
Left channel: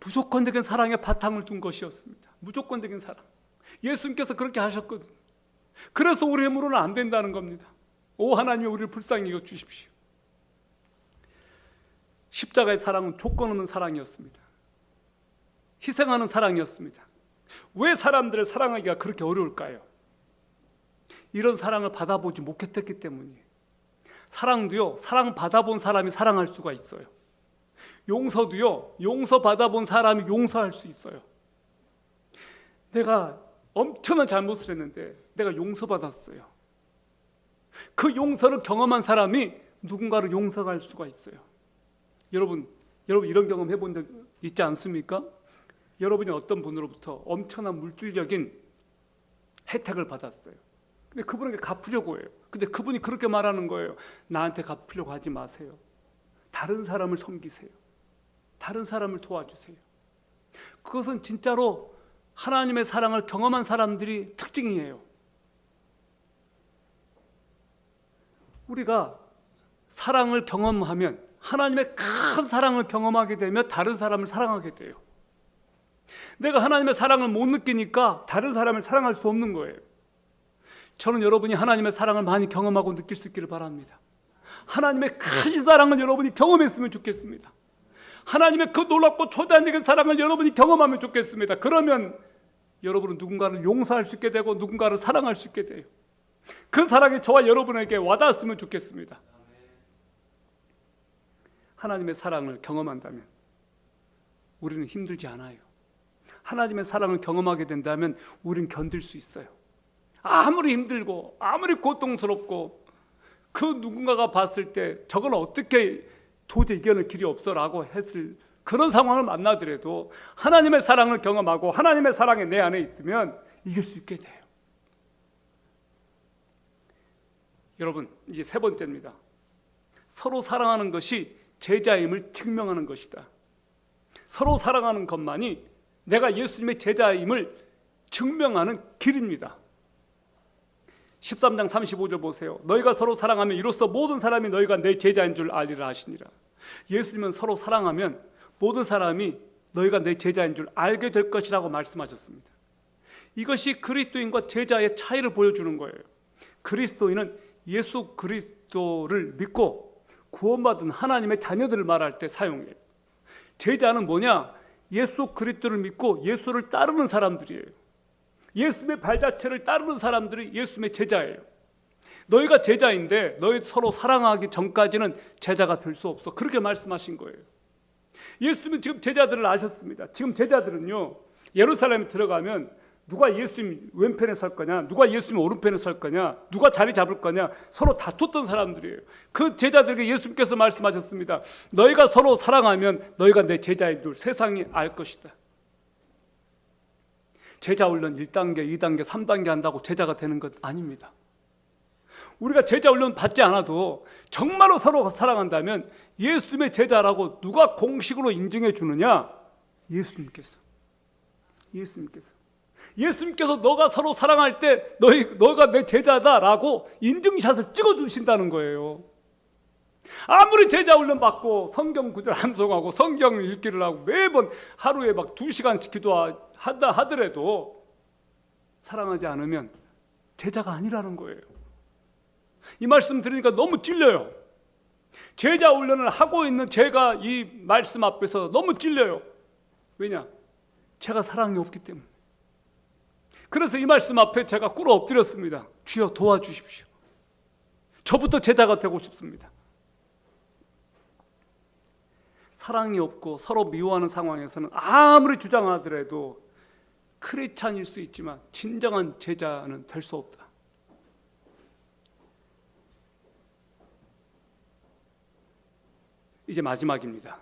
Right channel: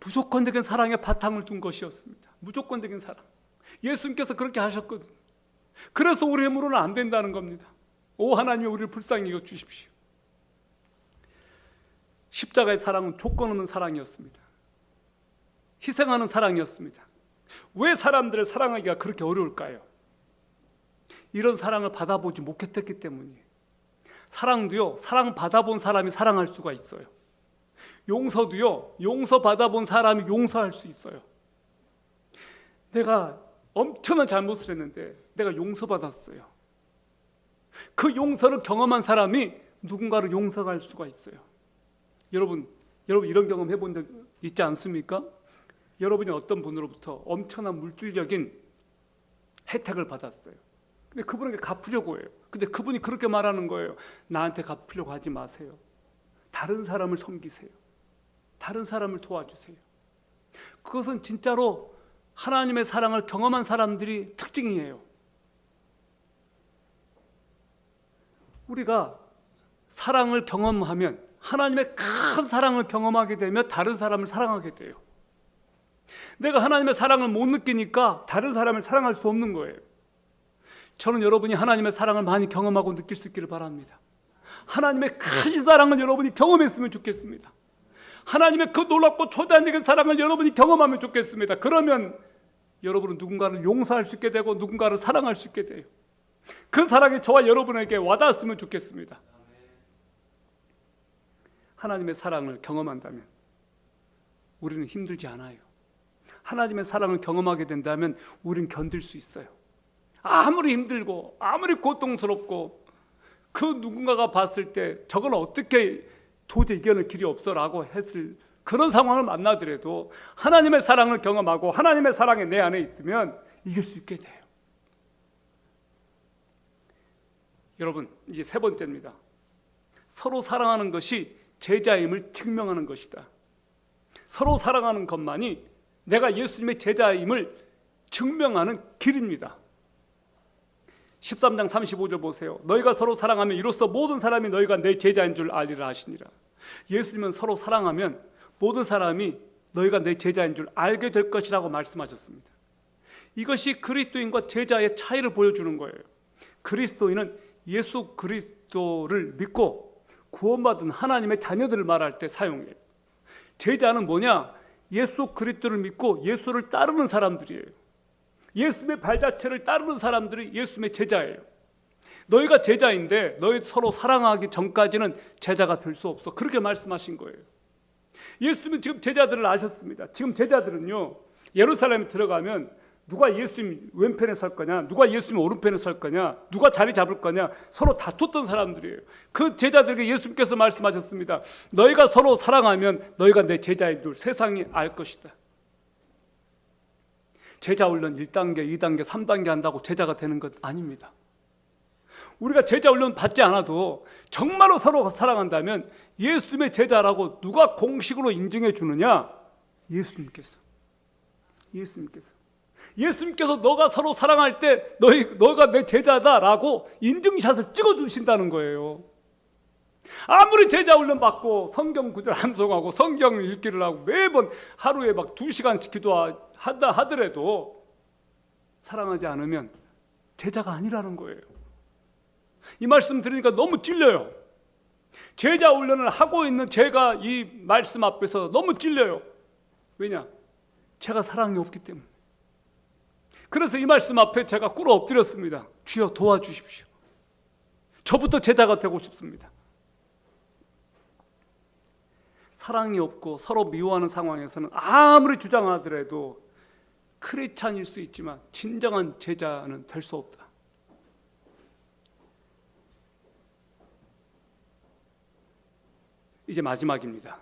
무조건적인 사랑의 바탕을 둔 것이었습니다. 무조건적인 사랑. 예수님께서 그렇게 하셨거든요. 그래서 우리 힘으로는 안 된다는 겁니다. 오 하나님이 우리를 불쌍히 여겨 주십시오. 십자가의 사랑은 조건 없는 사랑이었습니다. 희생하는 사랑이었습니다. 왜 사람들을 사랑하기가 그렇게 어려울까요? 이런 사랑을 받아보지 못했기 때문이에요. 사랑도요, 사랑 받아본 사람이 사랑할 수가 있어요. 용서도요, 용서 받아본 사람이 용서할 수 있어요. 내가 엄청난 잘못을 했는데 내가 용서받았어요. 그 용서를 경험한 사람이 누군가를 용서할 수가 있어요. 여러분 이런 경험 해본 적 있지 않습니까? 여러분이 어떤 분으로부터 엄청난 물질적인 혜택을 받았어요. 근데 그분에게 갚으려고 해요. 근데 그분이 그렇게 말하는 거예요. 나한테 갚으려고 하지 마세요. 다른 사람을 섬기세요. 다른 사람을 도와주세요. 그것은 진짜로 하나님의 사랑을 경험한 사람들이 특징이에요. 우리가 사랑을 경험하면, 하나님의 큰 사랑을 경험하게 되면 다른 사람을 사랑하게 돼요. 내가 하나님의 사랑을 못 느끼니까 다른 사람을 사랑할 수 없는 거예요. 저는 여러분이 하나님의 사랑을 많이 경험하고 느낄 수 있기를 바랍니다. 하나님의 큰 사랑을 여러분이 경험했으면 좋겠습니다. 하나님의 그 놀랍고 초자연적인 사랑을 여러분이 경험하면 좋겠습니다. 그러면 여러분은 누군가를 용서할 수 있게 되고 누군가를 사랑할 수 있게 돼요. 그 사랑이 저와 여러분에게 와닿았으면 좋겠습니다. 하나님의 사랑을 경험한다면 우리는 힘들지 않아요. 하나님의 사랑을 경험하게 된다면 우리는 견딜 수 있어요. 아무리 힘들고 아무리 고통스럽고 그 누군가가 봤을 때 저건 어떻게 도저히 이겨낼 길이 없어라고 했을 그런 상황을 만나더라도 하나님의 사랑을 경험하고 하나님의 사랑이 내 안에 있으면 이길 수 있게 돼요. 여러분, 이제 3번째입니다. 서로 사랑하는 것이 제자임을 증명하는 것이다. 서로 사랑하는 것만이 내가 예수님의 제자임을 증명하는 길입니다. 13장 35절 보세요. 너희가 서로 사랑하면 이로써 모든 사람이 너희가 내 제자인 줄 알리라 하시니라. 예수님은 서로 사랑하면 모든 사람이 너희가 내 제자인 줄 알게 될 것이라고 말씀하셨습니다. 이것이 그리스도인과 제자의 차이를 보여주는 거예요. 그리스도인은 예수 그리스도를 믿고 구원받은 하나님의 자녀들을 말할 때 사용해요. 제자는 뭐냐? 예수 그리스도를 믿고 예수를 따르는 사람들이에요. 예수님의 발자취를 따르는 사람들이 예수님의 제자예요. 너희가 제자인데 너희 서로 사랑하기 전까지는 제자가 될 수 없어. 그렇게 말씀하신 거예요. 예수님은 지금 제자들을 아셨습니다. 지금 제자들은요, 예루살렘에 들어가면 누가 예수님 왼편에 설 거냐, 누가 예수님 오른편에 설 거냐, 누가 자리 잡을 거냐 서로 다퉜던 사람들이에요. 그 제자들에게 예수님께서 말씀하셨습니다. 너희가 서로 사랑하면 너희가 내 제자인 줄 세상이 알 것이다. 제자 훈련 1단계, 2단계, 3단계 한다고 제자가 되는 것 아닙니다. 우리가 제자 훈련 받지 않아도 정말로 서로 사랑한다면 예수님의 제자라고 누가 공식으로 인정해 주느냐? 예수님께서 너가 서로 사랑할 때 너가 내 제자다라고 인증샷을 찍어주신다는 거예요. 아무리 제자 훈련 받고 성경 구절 암송하고 성경 읽기를 하고 매번 하루에 막 2시간씩 기도한다 하더라도 사랑하지 않으면 제자가 아니라는 거예요. 이 말씀 들으니까 너무 찔려요. 제자 훈련을 하고 있는 제가 이 말씀 앞에서 너무 찔려요. 왜냐? 제가 사랑이 없기 때문에. 그래서 이 말씀 앞에 제가 꿇어 엎드렸습니다. 주여 도와주십시오. 저부터 제자가 되고 싶습니다. 사랑이 없고 서로 미워하는 상황에서는 아무리 주장하더라도 크리스찬일 수 있지만 진정한 제자는 될 수 없다. 이제 마지막입니다.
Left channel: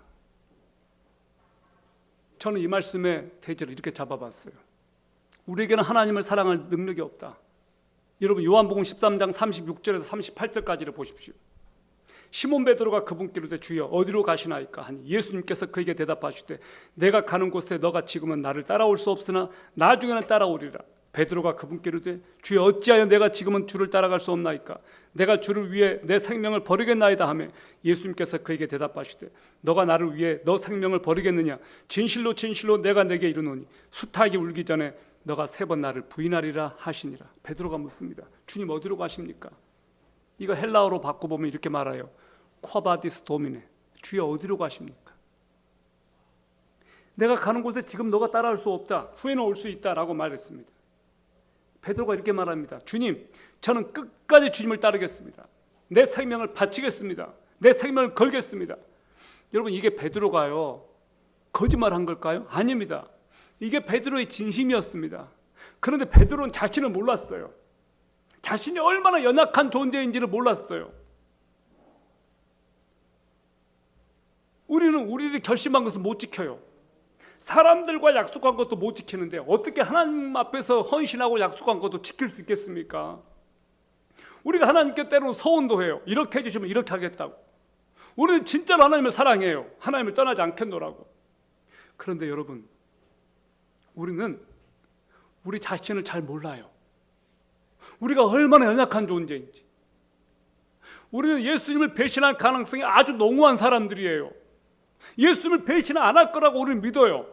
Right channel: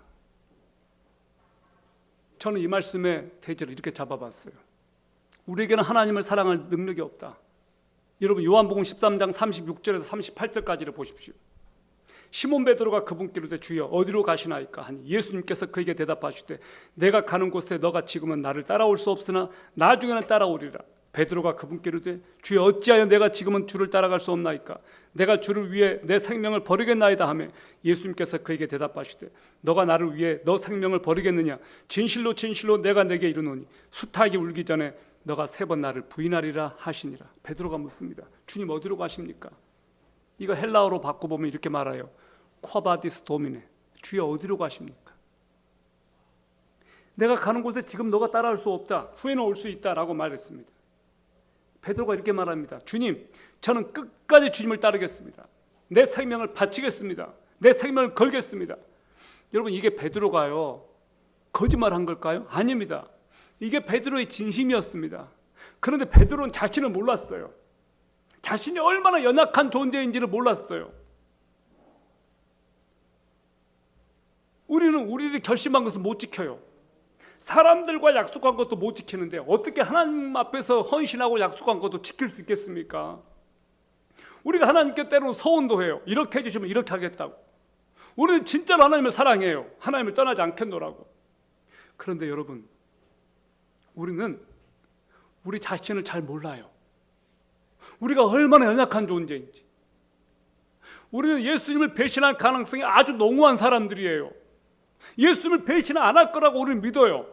저는 이 말씀의 대제를 이렇게 잡아봤어요. 우리에게는 하나님을 사랑할 능력이 없다. 여러분 요한복음 13장 36절에서 38절까지를 보십시오. 시몬 베드로가 그분께 이르되 주여 어디로 가시나이까 하니 예수님께서 그에게 대답하시되 내가 가는 곳에 너가 지금은 나를 따라올 수 없으나 나중에는 따라오리라. 베드로가 그분께 이르되 주여 어찌하여 내가 지금은 주를 따라갈 수 없나이까 내가 주를 위해 내 생명을 버리겠나이다 하매 예수님께서 그에게 대답하시되 너가 나를 위해 너 생명을 버리겠느냐 진실로 진실로 내가 내게 이르노니 수탉이 울기 전에 너가 3번 나를 부인하리라 하시니라. 베드로가 묻습니다. 주님 어디로 가십니까? 이거 헬라어로 바꿔보면 이렇게 말해요. 쿼바디스 도미네. 주여 어디로 가십니까? 내가 가는 곳에 지금 너가 따라올 수 없다. 후에는 올 수 있다라고 말했습니다. 베드로가 이렇게 말합니다. 주님, 저는 끝까지 주님을 따르겠습니다. 내 생명을 바치겠습니다. 내 생명을 걸겠습니다. 여러분 이게 베드로가요 거짓말한 걸까요? 아닙니다. 이게 베드로의 진심이었습니다. 그런데 베드로는 자신을 몰랐어요. 자신이 얼마나 연약한 존재인지를 몰랐어요. 우리는 우리들이 결심한 것을 못 지켜요. 사람들과 약속한 것도 못 지키는데 어떻게 하나님 앞에서 헌신하고 약속한 것도 지킬 수 있겠습니까? 우리가 하나님께 때로는 서운도 해요. 이렇게 해주시면 이렇게 하겠다고. 우리는 진짜로 하나님을 사랑해요. 하나님을 떠나지 않겠노라고. 그런데 여러분 우리는 우리 자신을 잘 몰라요. 우리가 얼마나 연약한 존재인지. 우리는 예수님을 배신할 가능성이 아주 농후한 사람들이에요. 예수님을 배신 안 할 거라고 우리는 믿어요.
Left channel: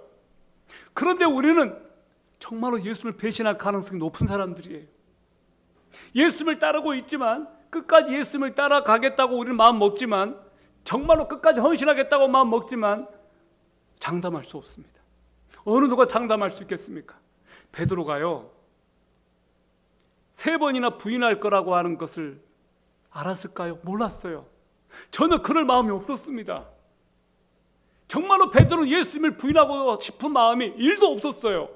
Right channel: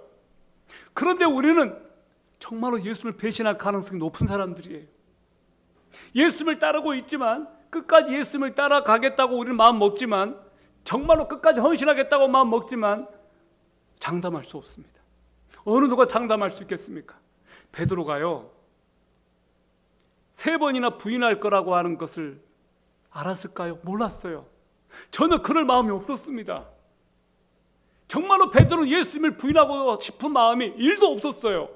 그런데 우리는 정말로 예수님을 배신할 가능성이 높은 사람들이에요. 예수님을 따르고 있지만 끝까지 예수님을 따라가겠다고 우리는 마음 먹지만 정말로 끝까지 헌신하겠다고 마음 먹지만 장담할 수 없습니다. 어느 누가 장담할 수 있겠습니까? 베드로가요 3번이나 부인할 거라고 하는 것을 알았을까요? 몰랐어요. 전혀 그럴 마음이 없었습니다. 정말로 베드로는 예수님을 부인하고 싶은 마음이 1도 없었어요.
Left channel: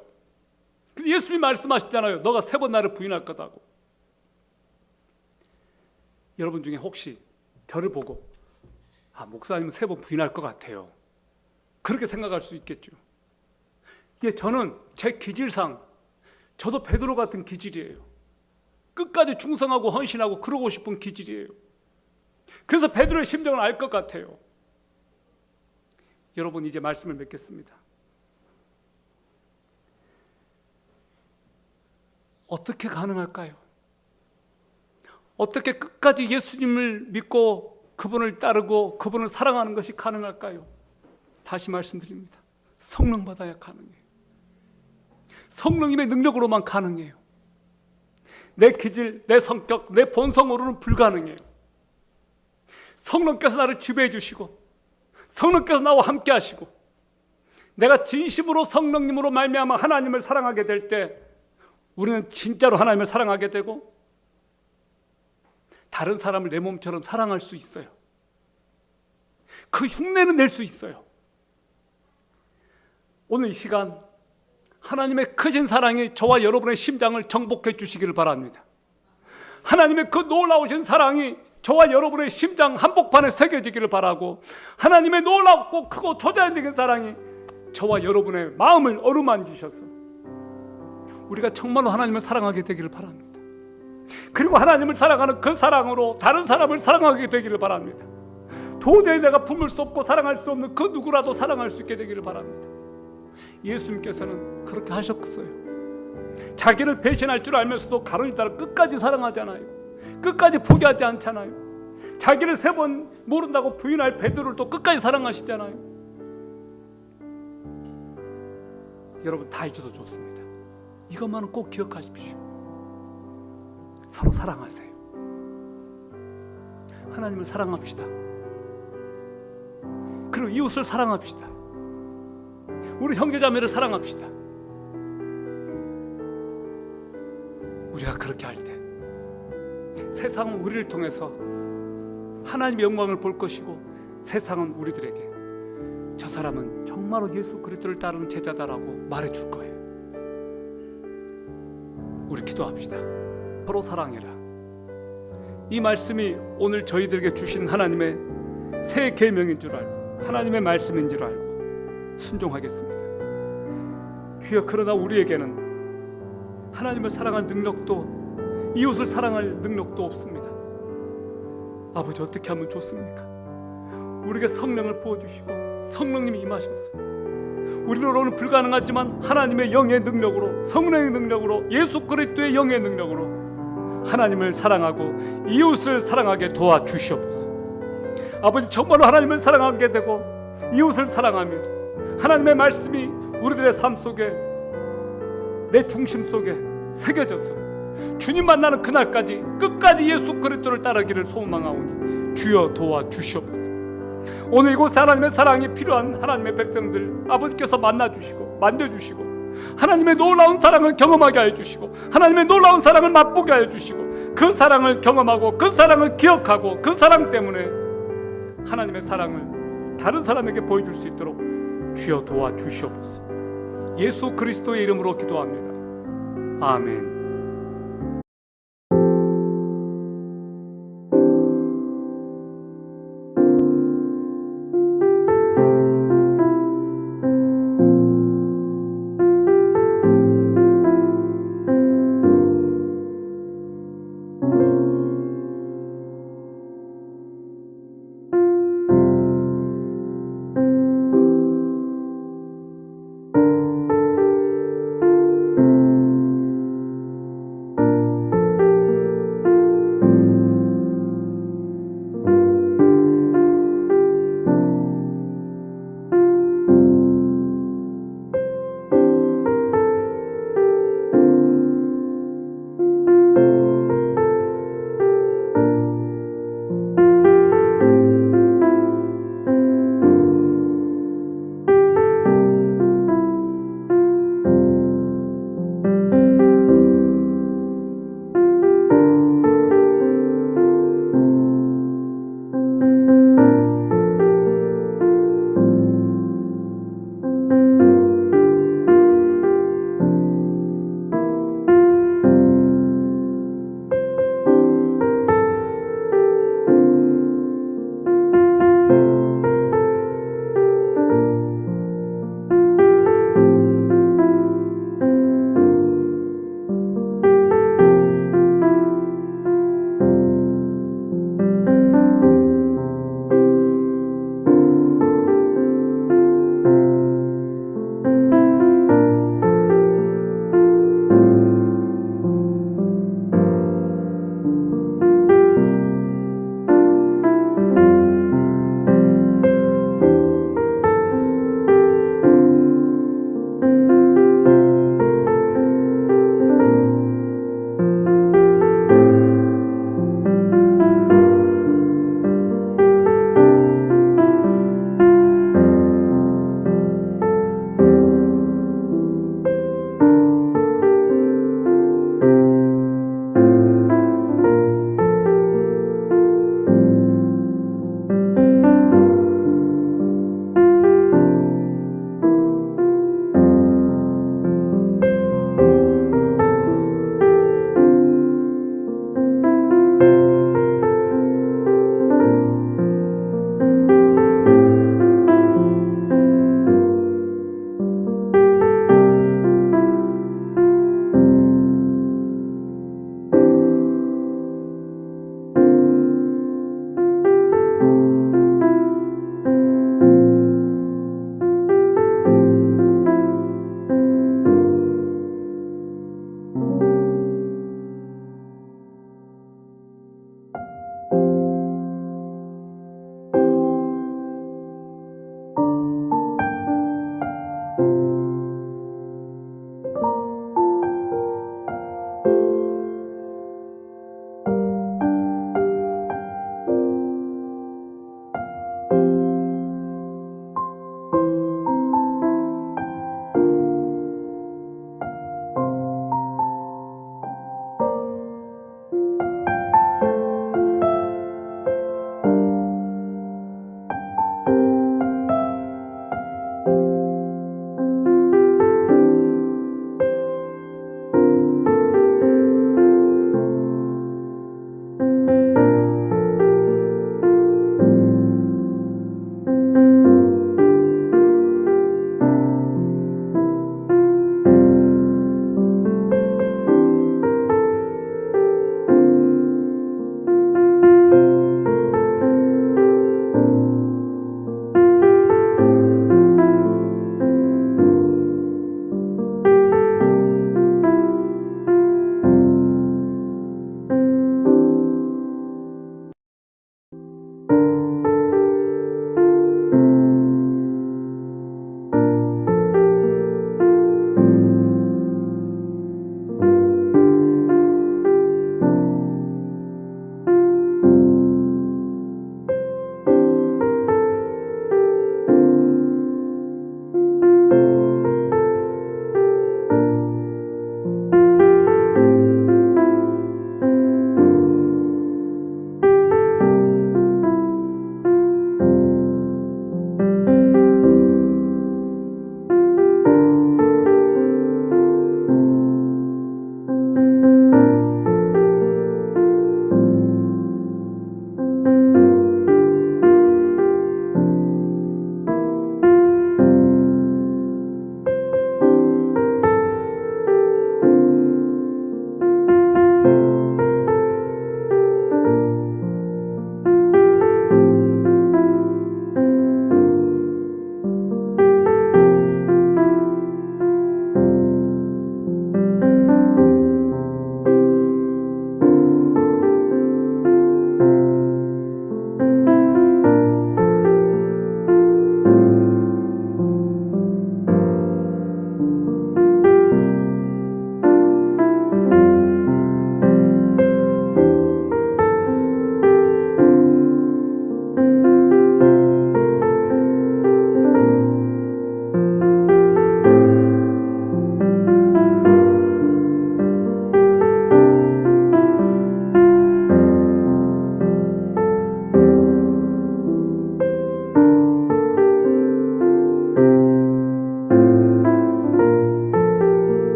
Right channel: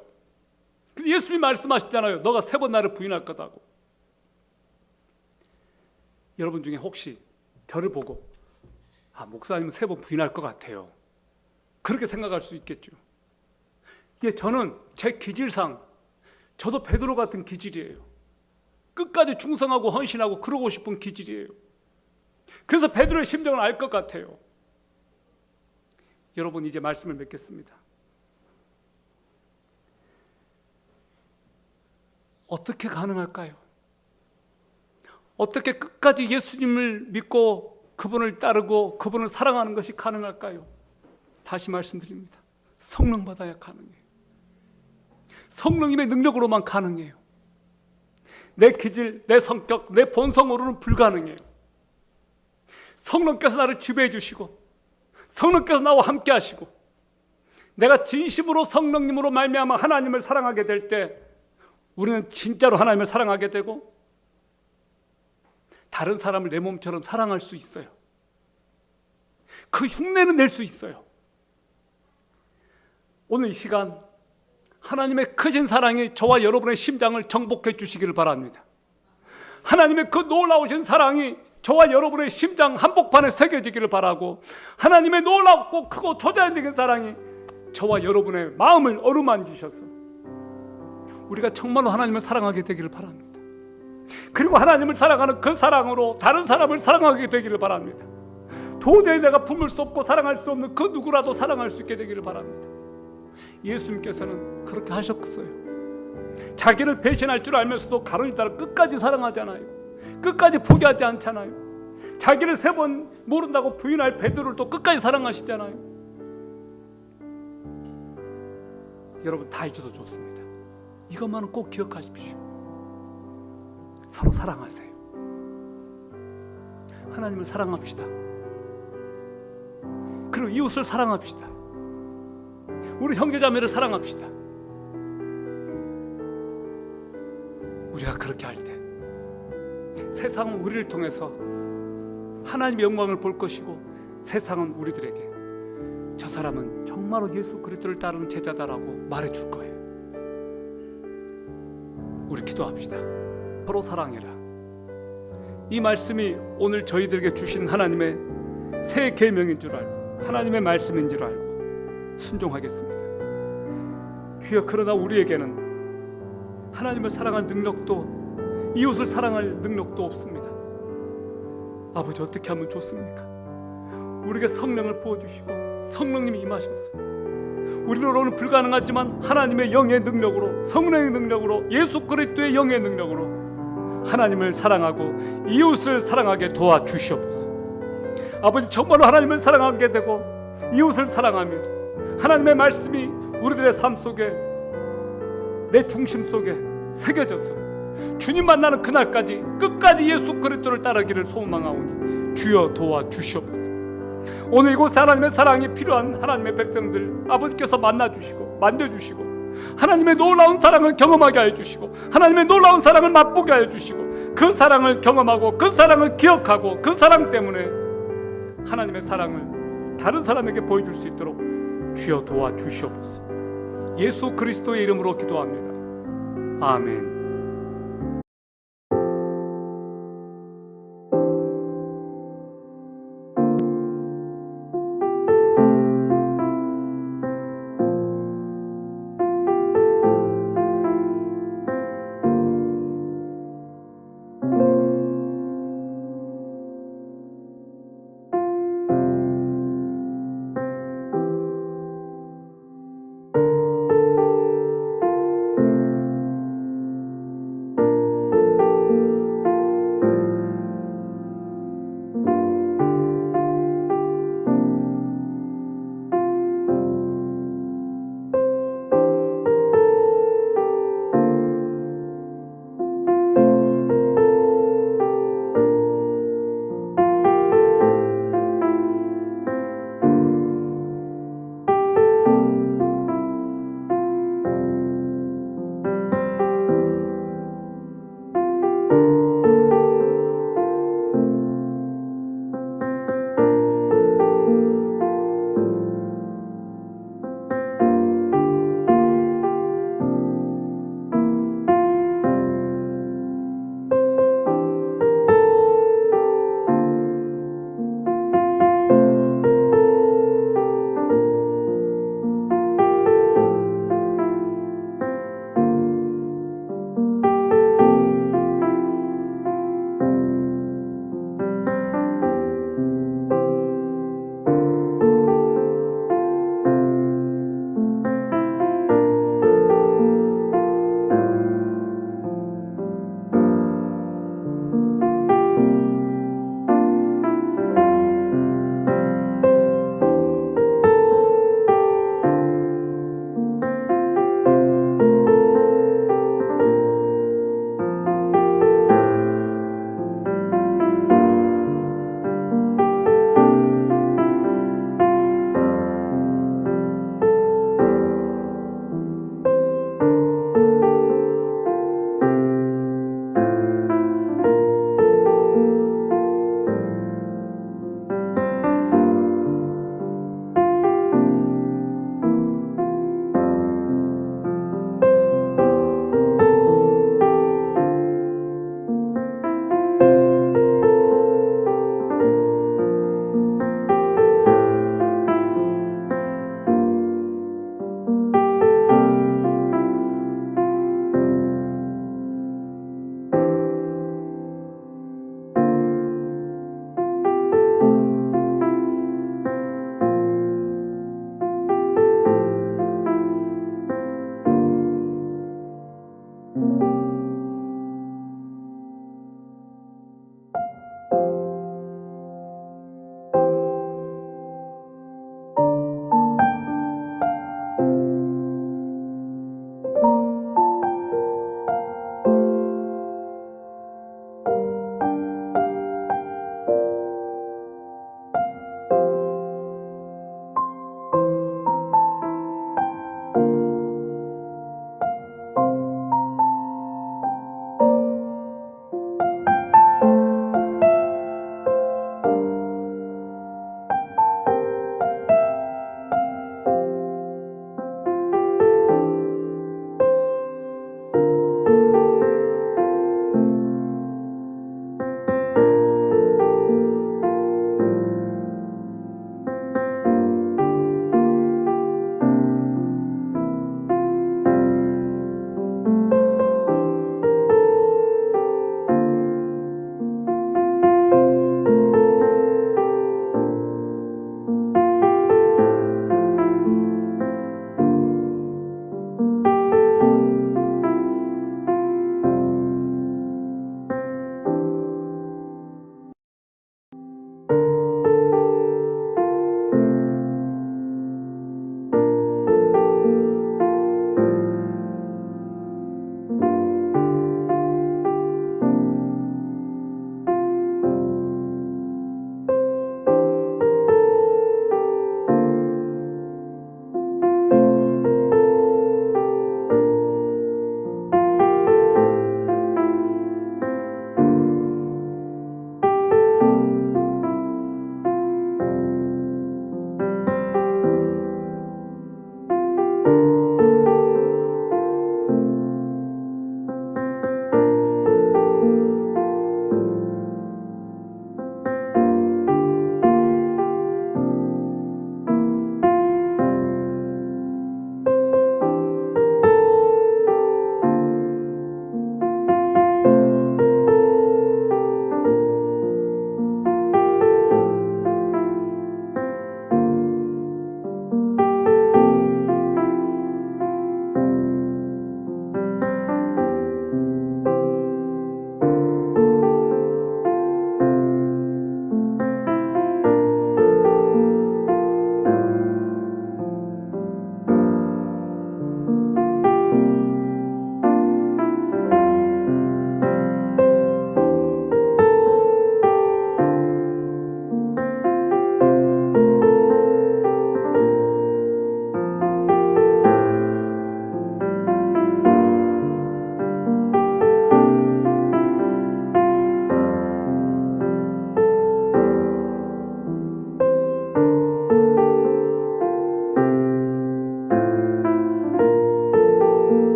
근데 예수님이 말씀하셨잖아요. 너가 3번 나를 부인할 거다고. 여러분 중에 혹시 저를 보고 목사님은 3번 부인할 것 같아요. 그렇게 생각할 수 있겠죠. 예, 저는 제 기질상 저도 베드로 같은 기질이에요. 끝까지 충성하고 헌신하고 그러고 싶은 기질이에요. 그래서 베드로의 심정을 알 것 같아요. 여러분 이제 말씀을 맺겠습니다. 어떻게 가능할까요? 어떻게 끝까지 예수님을 믿고 그분을 따르고 그분을 사랑하는 것이 가능할까요? 다시 말씀드립니다. 성령 받아야 가능해요. 성령님의 능력으로만 가능해요. 내 기질, 내 성격, 내 본성으로는 불가능해요. 성령께서 나를 지배해 주시고 성령께서 나와 함께 하시고 내가 진심으로 성령님으로 말미암아 하나님을 사랑하게 될 때 우리는 진짜로 하나님을 사랑하게 되고 다른 사람을 내 몸처럼 사랑할 수 있어요. 그 흉내는 낼 수 있어요. 오늘 이 시간 하나님의 크신 사랑이 저와 여러분의 심장을 정복해 주시기를 바랍니다. 하나님의 그 놀라우신 사랑이 저와 여러분의 심장 한복판에 새겨지기를 바라고 하나님의 놀랍고 크고 초자연적인 사랑이 저와 여러분의 마음을 어루만지셔서 우리가 정말로 하나님을 사랑하게 되기를 바랍니다. 그리고 하나님을 사랑하는 그 사랑으로 다른 사람을 사랑하게 되기를 바랍니다. 도저히 내가 품을 수 없고 사랑할 수 없는 그 누구라도 사랑할 수 있게 되기를 바랍니다. 예수님께서는 그렇게 하셨어요. 자기를 배신할 줄 알면서도 가론유다를 끝까지 사랑하잖아요. 끝까지 포기하지 않잖아요. 자기를 3번 모른다고 부인할 베드로를 또 끝까지 사랑하시잖아요. 여러분 다 잊어도 좋습니다. 이것만은 꼭 기억하십시오. 서로 사랑하세요. 하나님을 사랑합시다. 그리고 이웃을 사랑합시다. 우리 형제자매를 사랑합시다. 우리가 그렇게 할 때 세상은 우리를 통해서 하나님의 영광을 볼 것이고, 세상은 우리들에게 저 사람은 정말로 예수 그리스도를 따르는 제자다라고 말해줄 거예요. 우리 기도합시다. 서로 사랑해라. 이 말씀이 오늘 저희들에게 주신 하나님의 새 계명인 줄 알고, 하나님의 말씀인 줄 알고 순종하겠습니다. 주여, 그러나 우리에게는 하나님을 사랑할 능력도, 이웃을 사랑할 능력도 없습니다. 아버지, 어떻게 하면 좋습니까? 우리에게 성령을 부어주시고 성령님이 임하셔서 우리로는 불가능하지만 하나님의 영의 능력으로, 성령의 능력으로, 예수 그리스도의 영의 능력으로 하나님을 사랑하고 이웃을 사랑하게 도와주시옵소서. 아버지, 정말로 하나님을 사랑하게 되고 이웃을 사랑하며 하나님의 말씀이 우리들의 삶 속에, 내 중심 속에 새겨져서 주님 만나는 그날까지 끝까지 예수 그리스도를 따르기를 소망하오니 주여 도와주시옵소서. 오늘 이곳에 하나님의 사랑이 필요한 하나님의 백성들 아버지께서 만나주시고 만져주시고 하나님의 놀라운 사랑을 경험하게 하여 주시고, 하나님의 놀라운 사랑을 맛보게 하여 주시고, 그 사랑을 경험하고 그 사랑을 기억하고 그 사랑 때문에 하나님의 사랑을 다른 사람에게 보여줄 수 있도록 주여 도와주시옵소서. 예수 그리스도의 이름으로 기도합니다. 아멘.